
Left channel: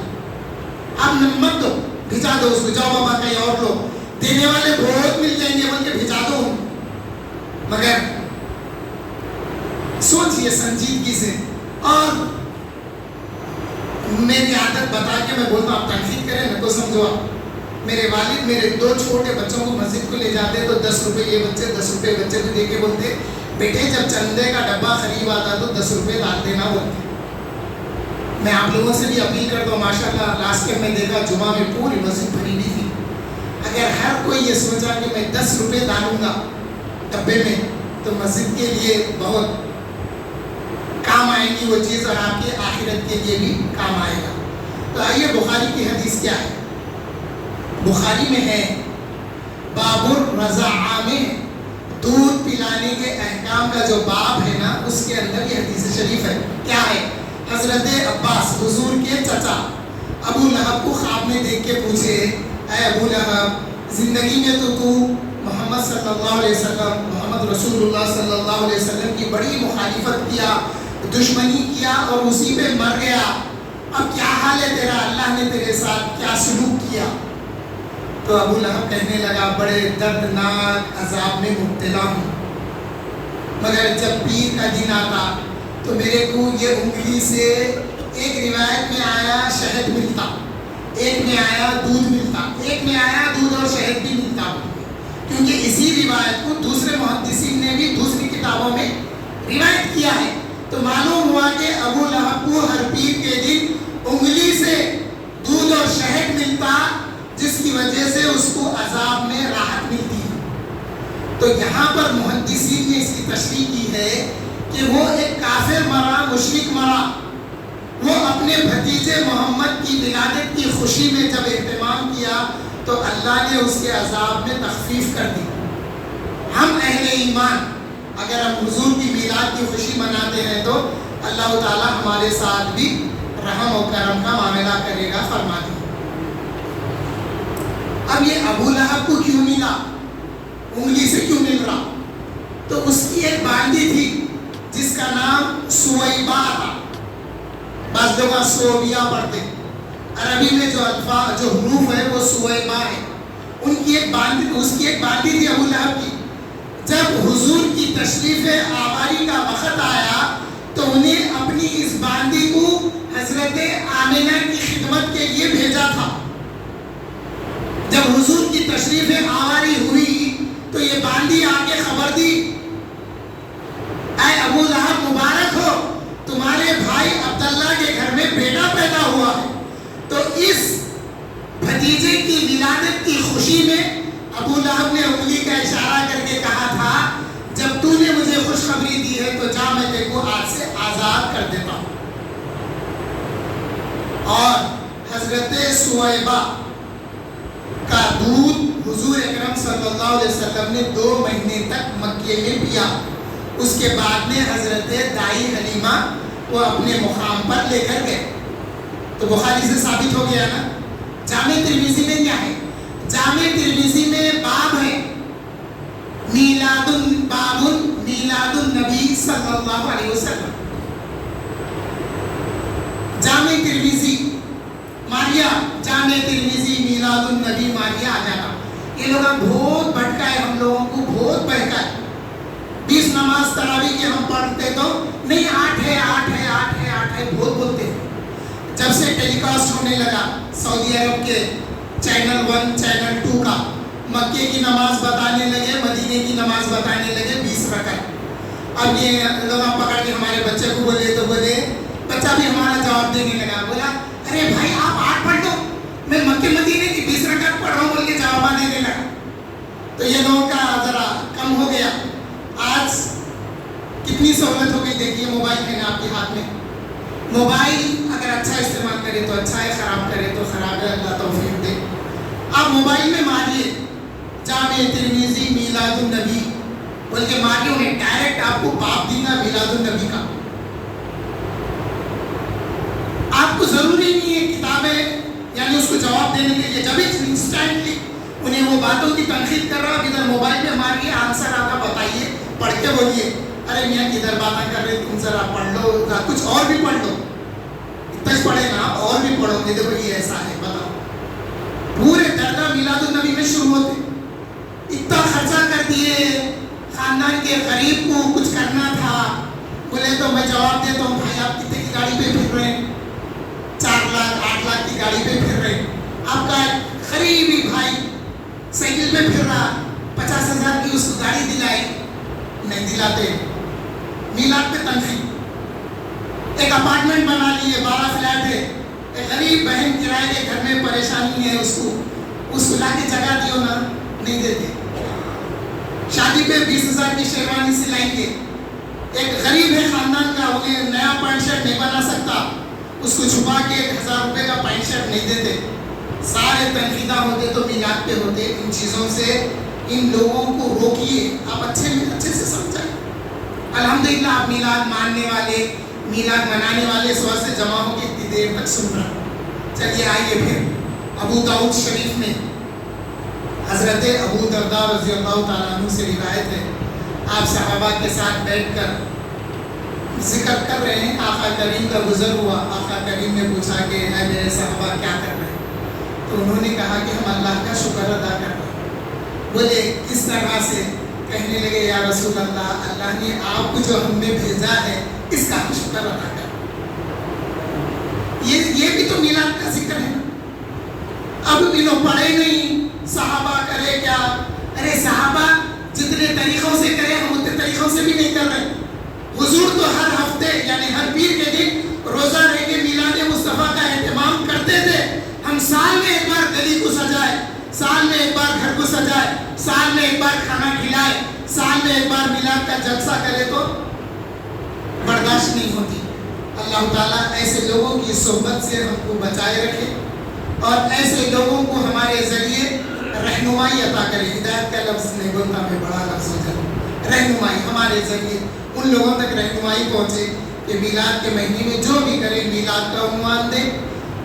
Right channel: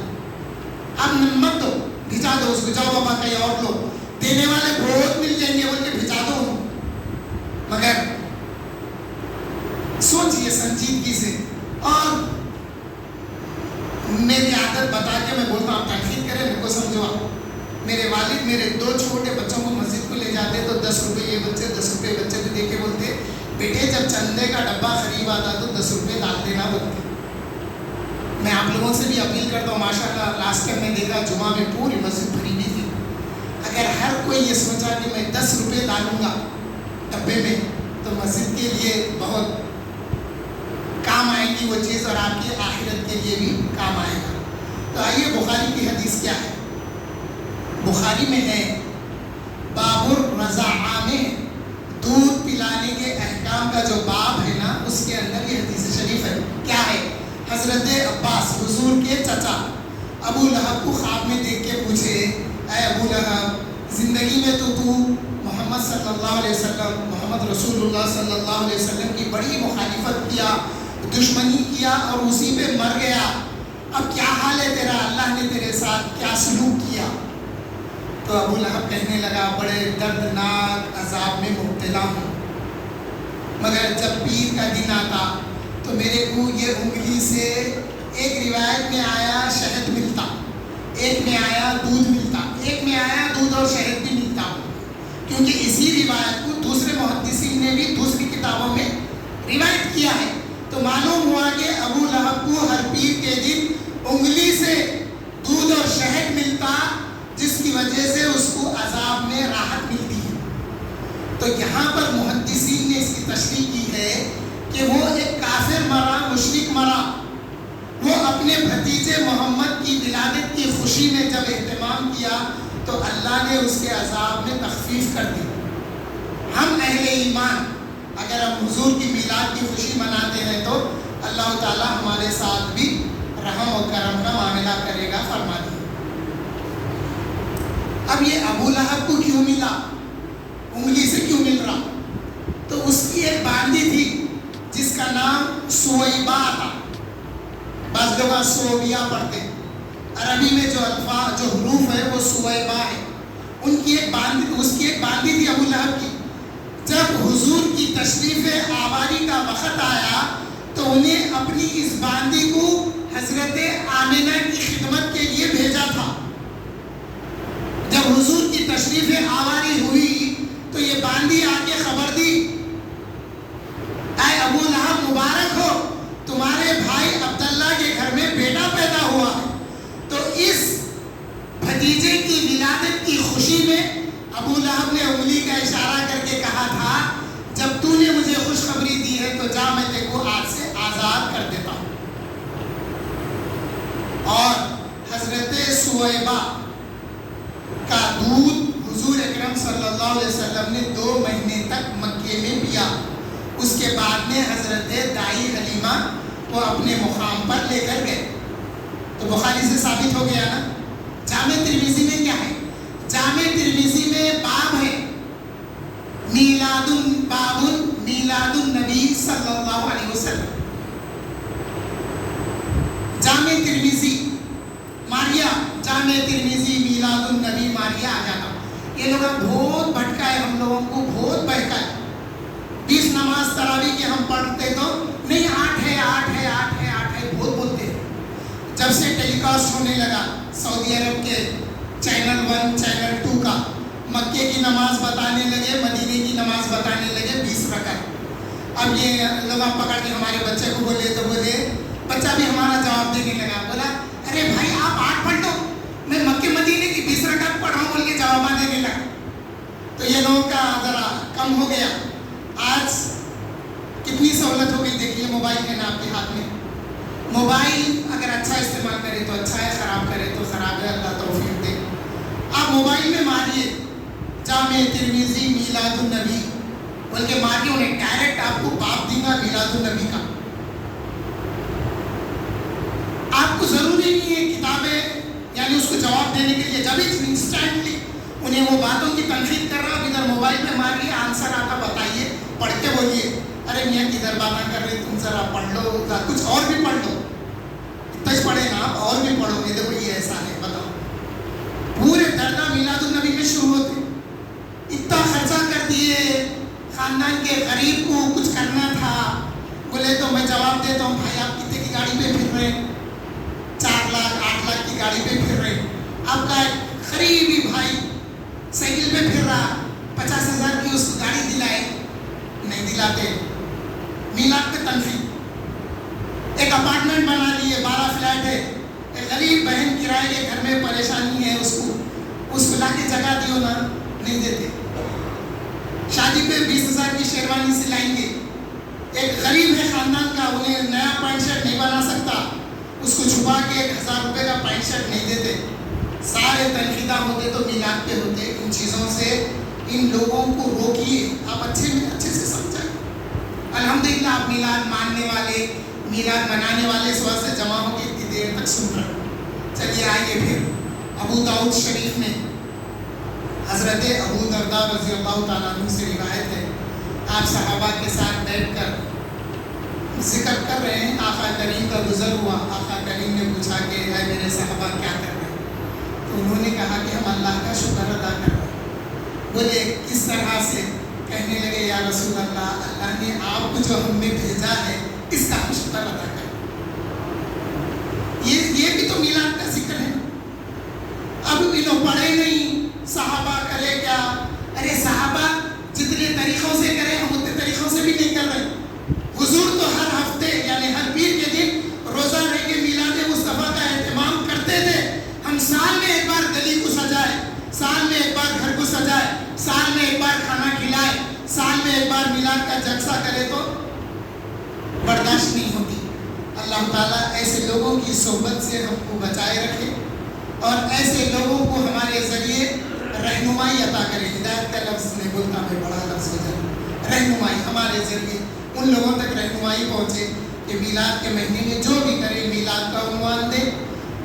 آپ مت دو، بھیجا دو اس کو، جاؤ بابا کہیں اور لو، دینے والے بہت مل جائیں گے بول کے بھیجا دو. مگر سوچئے سنجیدگی سے. اور میری عادت بتا کے میں بولتا ہوں آپ تنقید کریں میرے کو سمجھو. میرے والد میرے 2 چھوٹے بچوں کو مسجد کو لے جاتے تو 10 روپے یہ بچے 10 روپے بچے کو دے کے بولتے بیٹے جب چندے کا ڈبہ قریب آتا تو 10 روپے ڈال دینا بولتے. میں آپ لوگوں سے بھی اپیل کرتا ہوں، ماشاء اللہ لاسٹ ٹائم میں دیکھا جمعہ میں پوری مسجد بھری ہوئی تھی. اگر ہر کوئی یہ سوچا کہ میں 10 روپے ڈالوں گا ڈبے میں تو مسجد کے لیے بہت کام آئے گی وہ چیز، اور آپ کی آخرت کے لیے بھی کام آئے گا. تو آئیے بخاری کی حدیث کیا ہے. بخاری میں ہے باب الرضاعہ میں دودھ پلانے کے احکام کا جو باب ہے نا اس کے اندر یہ حدیث شریف ہے. کیا ہے؟ حضرت عباس حضور کے چچا ابو لہب کو خواب میں دیکھ کے پوچھے اے ابو لہب زندگی میں تو محمد صلی اللہ علیہ وسلم، محمد رسول اللہ صلی اللہ علیہ وسلم کی بڑی مخالفت کیا، دشمنی کیا اور اسی پہ مر گیا. اب کیا حال ہے تیرا؟ اللہ نے تیرے ساتھ کیا سلوک کیا؟ تو ابو لہب کہنے لگا بڑے دردناک عذاب میں مبتلا ہوں، مگر جب پیر کا دن آتا تو میرے کو یہ انگلی سے، ایک روایت میں آیا شہد ملتا، ایک میں آیا دودھ ملتا، ایک میں آیا دودھ اور شہد بھی ملتا، کیونکہ اسی روایت کو دوسرے محدثین نے بھی دوسری کتابوں میں روایت کیا ہے۔ تو معلوم ہوا کہ ابو لہب کو ہر پیر کے دن انگلی سے دودھ اور شہد ملتا، جس کی وجہ سے اس کو عذاب میں راحت ملتی ہے۔ تو یہاں پر محدثین نے اس کی تشریح کی ہے کہ وہ ایک کافر مرا، مشرک مرا، وہ اپنے بھتیجے محمد کی ولادت کی خوشی میں جب اہتمام کیا تو اللہ نے اس کے عذاب میں تخفیف کر دی۔ ہم اہل ایمان اگر ہم حضور کی میلاد کی خوشی مناتے ہیں تو اللہ تعالیٰ ہمارے ساتھ بھی رحم و کرم کا معاملہ کرے گا، فرما دیا۔ اب یہ ابو لہب کو کیوں ملا، انگلی سے کیوں مل رہا؟ تو اس کی ایک باندھی تھی جس کا نام سویبا تھا، بعض لوگ سوبیا پڑھتے، عربی میں جو الفاظ جو حروف ہے وہ سویبا ہے، اس کی ایک باندھی تھی ابو لہب کی۔ جب حضور کی تشریف آواری کا وقت آیا تو انہیں اپنی اس باندھی کو حضرت آمنہ کی خدمت کے لیے بھیجا تھا۔ جب حضور کی تشریف آواری ہوئی تو یہ باندھی آ کے خبر دی، اے ابو لہب مبارک ہو، تمہارے بھائی عبداللہ کے گھر میں بیٹا پیدا ہوا ہے۔ تو اس بھتیجے کی ولادت کی خوشی میں ابو لہب نے انگلی کا اشارہ کر کے کہا تھا جب تو نے مجھے خوشخبری دی ہے تو جا میں تیرے کو آج سے آزاد کر دیتا ہوں۔ اور حضرت سویبہ کا دودھ حضور اکرم صلی اللہ علیہ وسلم نے 2 مہینے تک مکے میں پیا۔ اس کے بعد میں حضرت دائی حلیمہ کو اپنے مقام پر لے کر گئے۔ تو بخاری سے ثابت ہو گیا نا۔ جامع ترمذی میں کیا ہے؟ جامع ترمذی میں باب ہے باب میلاد النبی صلی اللہ علیہ وسلم۔ جامع ترمذی ماریا، جامع ترمذی میلاد النبی ماریا آ جاتا۔ یہ لوگ بہت بھٹکا ہے، ہم لوگوں کو بہت بہکا ہے۔ 20 نماز تراویح کے ہم پڑھتے تو نہیں 8 ہے 8 ہے 8 ہے 8 ہے بہت بولتے ہیں۔ جب سے ٹیلی کاسٹ ہونے لگا سعودی عرب کے چینل 1 چینل 2 کا، مکے کی نماز بتانے لگے، مدینے کی نماز بتانے لگے 20 رکعت۔ اب یہ لوگ پکڑ کے ہمارے بچے کو بولے تو بولے، بچہ بھی ہمارا جواب دینے لگا، بولا ارے بھائی آپ 8 پڑھ دو، میں مکے مدینے کی 20 رکعت پڑھ رہا ہوں بول کے جواب دینے لگا۔ تو یہ لوگوں کا ذرا کم ہو گیا۔ آج کتنی سہولت ہو گئی، دیکھیے موبائل ہے نا آپ کے ہاتھ میں۔ موبائل اگر اچھا استعمال کرے تو اچھا ہے، خراب کرے تو خراب ہے، اللہ توفیق دے۔ آپ موبائل میں ماریے جامع ترمذی میلاد النبی، بلکہ ماریے انہیں ڈائریکٹ آپ کو باب دینا میلاد النبی کا۔ آپ کو ضروری نہیں ہے کتابیں یعنی اس کو جواب دینے کے لیے، جب انسٹنٹلی انہیں وہ باتوں کی تنقید کر رہا، ادھر موبائل میں ماریے آنسر آتا بتائیے، پڑھ کے بولیے ارے میاں کدھر باتیں کر رہے تم، ذرا پڑھ لو، کچھ اور بھی پڑھ لو، اتنا ہی پڑھے نا آپ اور بھی پڑھو گے، دیکھو یہ ایسا ہے بتاؤ۔ پورے درجہ میلاد النبی میں شروع ہوتے، اتنا خرچہ کر دیے، خاندان کے غریب کو کچھ کرنا تھا، بولے تو میں جواب دیتا ہوں بھائی آپ کتنے کی گاڑی پہ پھر رہے ہیں؟ 4 لاکھ 8 لاکھ کی گاڑی پہ پھر رہے ہیں۔ آپ کا قریبی بھائی سائیکل پہ پھر رہا، 50,000 کی اس کو گاڑی دلائے، نہیں دلاتے، میلاد پہ تنخواہ۔ ایک اپارٹمنٹ بنا لیے، 12 فلیٹ ہے، ایک غریب بہن کرائے کے گھر میں پریشانی ہے، اس کو لا کے جگہ دیو نا، نہیں دیتے۔ شادی پہ 20,000 کی شیروانی سلائیں گے، ایک غریب ہے خاندان کا، انہیں نیا پینٹ شرٹ نہیں بنا سکتا، اس کو چھپا کے 1,000 روپے کا پینٹ شرٹ نہیں دیتے۔ سارے تنقیدہ ہوتے تو میلاد پہ ہوتے۔ ان چیزوں سے ان لوگوں کو روکیے، آپ اچھے سے سمجھائیں۔ الحمدللہ آپ میلاد ماننے والے، میلاد منانے والے اس وقت سے جمع ہو کے اتنی دیر تک سن رہے ہیں۔ چلیے آئیے پھر ابو داؤد شریف میں حضرت ابو درداء رضی اللہ تعالیٰ عنہ سے روایت ہے، آپ صحابہ کے ساتھ بیٹھ کر ذکر کر رہے ہیں، آقا کریم کا گزر ہوا، آقا کریم نے پوچھا کہ اے میرے صحابہ کیا کر رہے ہیں؟ تو انہوں نے کہا کہ ہم اللہ کا شکر ادا کر رہے ہیں. بولے کس طرح سے؟ کہنے لگے یا رسول اللہ، اللہ نے آپ کو جو ہم نے بھیجا ہے اس کا ہم شکر ادا کریں. یہ بھی تو میلاد کا ذکر ہے. اب انہوں پڑھے نہیں، صحابہ کرے کیا؟ ارے صحابہ جتنے طریقوں سے کرے ہم اتنے طریقوں سے بھی نہیں کر رہے. حضور تو ہر ہفتے یعنی ہر پیر کے دن روزہ رہ کے میلاد مصطفیٰ کا اہتمام کرتے تھے. ہم سال میں ایک بار گلی کو سجائے، سال میں ایک بار گھر کو سجائے، سال میں ایک بار کھانا کھلائے، سال میں ایک بار میلاد کا جلسہ کرے تو برداشت نہیں ہوتی. اللہ تعالیٰ ایسے لوگوں کی صحبت سے ہم کو بچائے رکھے اور ایسے لوگوں کو ہمارے ذریعے رہنمائی عطا کرے. ہدایت کا لفظ نہیں بولتا میں، بڑا لفظ ہو جائے. رہنمائی ہمارے ذریعے ان لوگوں تک رہنمائی پہنچے کہ میلاد کے مہینے میں جو بھی کرے میلاد کا عنوان دے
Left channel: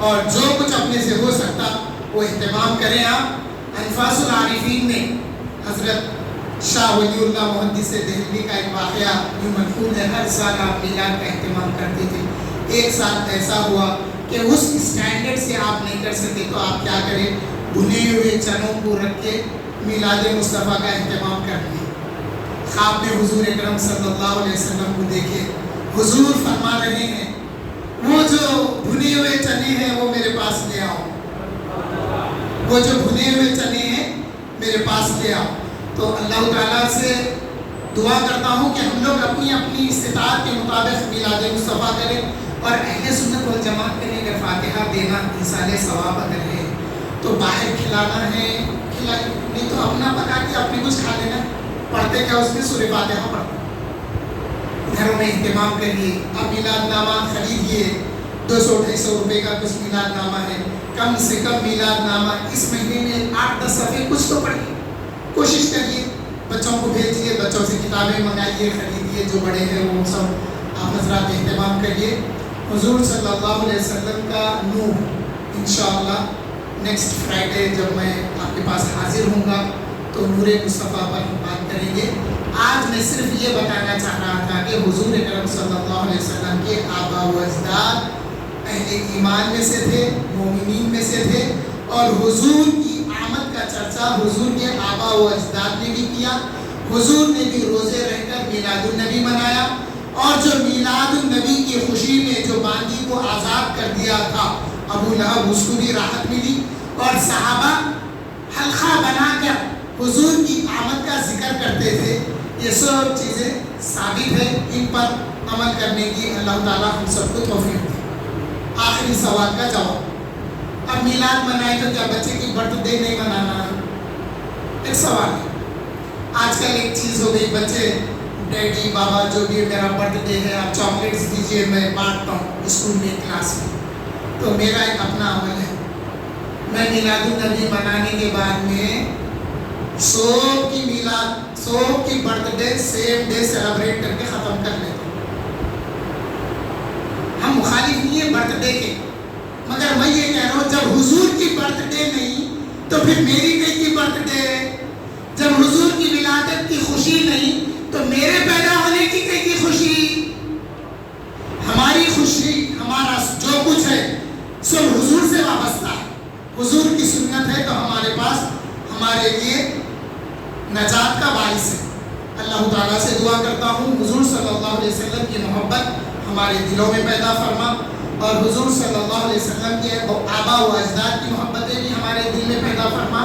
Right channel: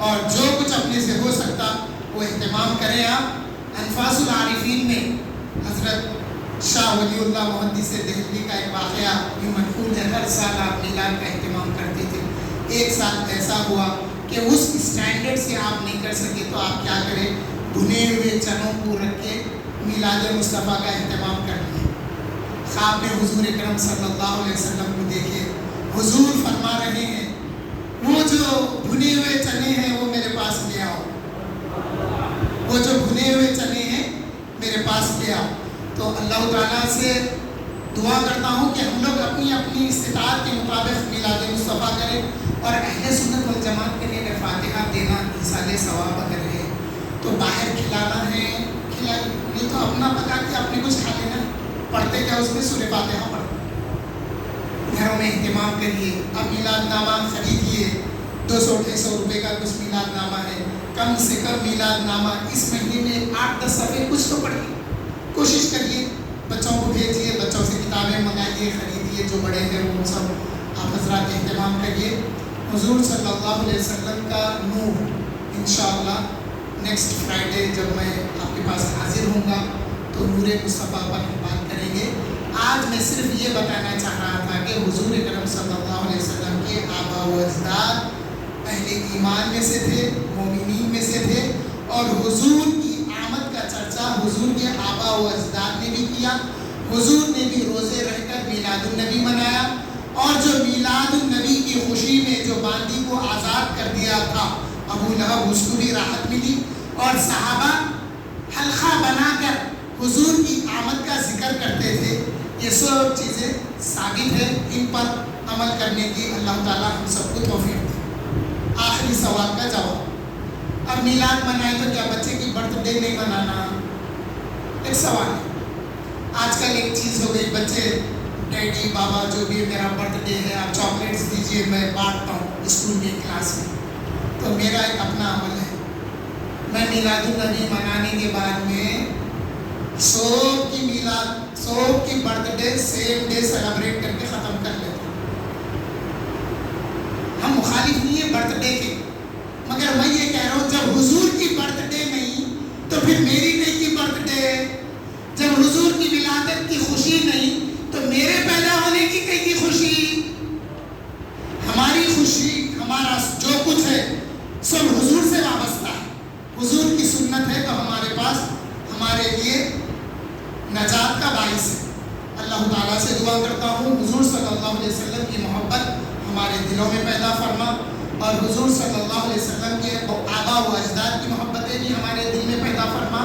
اور جو کچھ اپنے سے ہو سکتا وہ اہتمام کریں. آپ انفاس العارفین میں حضرت شاہ ولی اللہ محدث دہلوی کا ایک واقعہ یوں منقول ہے. ہر سال آپ میلاد کا اہتمام کرتے تھے. ایک سال ایسا ہوا کہ اس اسٹینڈرڈ سے آپ نہیں کر سکے تو آپ کیا کریں، بھنے ہوئے چنوں کو رکھ کے میلاد مصطفیٰ کا اہتمام کر دیا. خواب میں حضور اکرم صلی اللہ علیہ وسلم کو دیکھے. حضور فرما رہے ہیں وہ جو بھنے ہوئے چنے ہیں وہ میرے پاس لے آؤ، وہ جو بھنے ہوئے چنے ہیں میرے پاس لے آؤ. تو اللہ تعالیٰ سے دعا کرتا ہوں کہ ہم لوگ اپنی اپنی استطاعت کے مطابق میلاد مصطفیٰ کریں اور اہل سنت والجماعت کریں. اگر فاتحہ دینا ایصال ثواب اگر ہے تو باہر کھلانا ہے کھلائیں، نہیں تو اپنا پکا کے اپنے کچھ کھا لینا. پڑھتے کیا اس میں سورہ فاتحہ پڑھتے. گھروں میں اہتمام کریے. اب میلاد نامہ خریدیے، 200-250 روپے کا کچھ میلاد نامہ ہے. کم سے کم میلاد نامہ اس مہینے میں 8-10 صفحے کچھ تو پڑھیے. کوشش کریے، بچوں کو بھیجیے، بچوں سے کتابیں منگائیے، خریدیے. جو بڑے ہیں وہ سب آپ حضرات اہتمام کریے. حضور صلی اللہ علیہ وسلم کا نور انشاءاللہ نیکسٹ فرائیڈے جب میں آپ کے پاس حاضر ہوں گا تو نور مصطفیٰ پر ہم بات کریں گے. آج میں صرف یہ بتانا چاہ رہا تھا کہ حضور اکرم صلی اللہ علیہ وسلم کے آبا و اجداد اہل ایمان میں سے تھے، مومنین میں سے تھے، اور حضور کی آمد کا چرچا حضور کے آبا و اجداد نے بھی کیا. حضور نے بھی روزے رہ کر میلاد النبی منایا، اور جو میلاد النبی کی خوشی میں جو باندی کو آزاد کر دیا تھا ابو لہب، اس کو بھی راحت ملی. اور صحابہ حلقہ بنا کر حضور کی آمد کا ذکر کرتے تھے. یہ سب چیزیں ثابت ہیں، ان پر عمل کرنے کی اللہ تعالیٰ ہم سب کو توفیق دے. آخری سوال کا جواب، اب میلاد منائے تو کیا بچے کی برتھ ڈے نہیں منانا؟ ایک سوال ہے. آج کل ایک چیز ہو گئی، بچے ڈیڈی بابا جو بھی میرا برتھ ڈے ہے آپ چاکلیٹس دیجیے، میں بانٹتا ہوں اسکول میں کلاس میں. تو میرا ایک اپنا عمل ہے، میں میلاد النبی منانے کے بعد میں سب کی birth day same day celebrate کر کے ختم کر لیتا ہوں. ہم مخالف نہیں ہیں برتھ ڈے کے، مگر میں یہ کہہ رہا ہوں جب حضور کی برتھ ڈے نہیں تو پھر میری کی برتھ ڈے. جب حضور کی ولادت کی خوشی نہیں تو میرے پیدا ہونے کی خوشی. ہماری خوشی، ہمارا جو کچھ ہے سب حضور سے وابستہ ہے. حضور کی سنت ہے تو ہمارے پاس ہمارے لیے نجات کا باعث ہے. اللہ تعالیٰ سے دعا کرتا ہوں حضور صلی اللہ علیہ وسلم کی محبت ہمارے دلوں میں پیدا فرما، اور حضور صلی اللہ علیہ وسلم کے آبا و اجداد کی محبتیں بھی ہمارے دل میں پیدا فرما.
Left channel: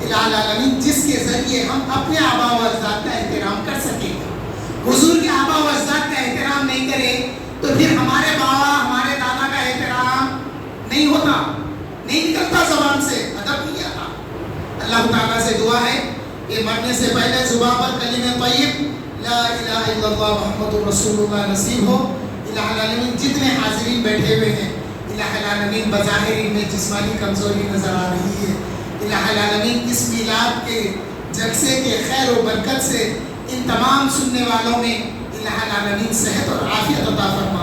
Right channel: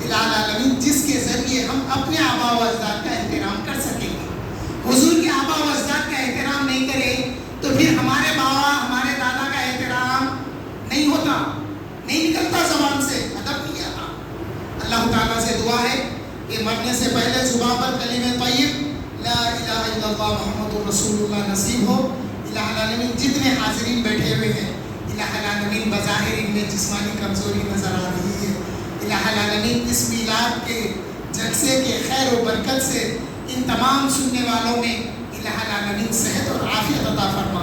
الہ العالمین جس کے ذریعے ہم اپنے آبا و اجداد کا احترام کر سکیں. حضور کے آبا و اجداد کا احترام نہیں کریں تو پھر ہمارے بابا ہمارے دادا کا احترام نہیں ہوتا، نہیں نکلتا زبان سے، ادب نہیں آتا. اللہ تعالیٰ سے دعا ہے کہ مرنے سے پہلے زبان پر کلمہ طیب لا الہ الا اللہ محمد رسول اللہ نصیب ہو. الہ العالمین جتنے حاضرین بیٹھے ہوئے ہیں، الہ العالمین بظاہر ان میں جسمانی کمزوری نظر آ رہی ہے. الہ العالمین اس میلاد کے جلسے کے خیر و برکت سے ان تمام سننے والوں میں الہ العالمین صحت اور عافیت عطا فرما.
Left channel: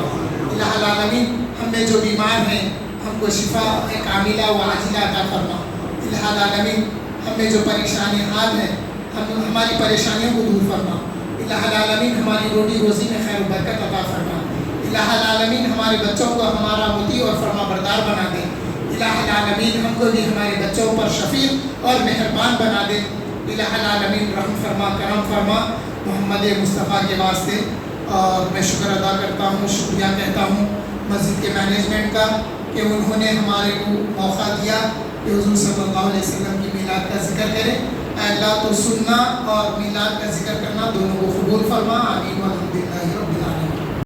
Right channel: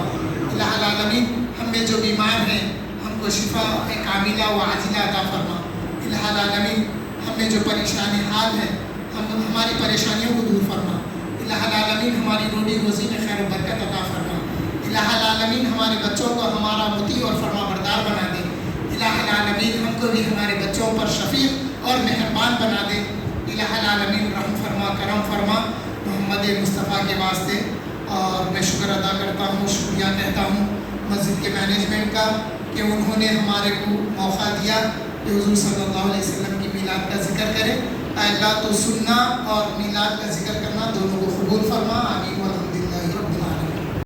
الہ العالمین ہم میں جو بیمار ہیں ہم کو شفا کاملہ و عاجلہ عطا فرما. الہ العالمین ہم میں جو پریشانی حال ہیں ہماری پریشانیوں کو دور فرما. الہ العالمین ہماری روٹی روزی میں خیر و برکت عطا فرما. الہ العالمین ہمارے بچوں کو ہمارا مطیع اور فرما بردار بنا دے. الہ العالمین العالمین ہم کو بھی ہمارے بچوں پر شفیق اور مہربان بنا دے. الہ العالمین رحم فرما کرم فرما محمد مصطفیٰ کے واسطے. اور میں شکر ادا کرتا ہوں, شکریہ کہتا ہوں مسجد کے مینجمنٹ کا کہ انہوں نے ہمارے کو موقع دیا کہ حضور صلی اللہ علیہ وسلم کی میلاد کا ذکر کریں. اے اللہ تو سننا اور میلاد کا ذکر کرنا دونوں کو قبول فرما.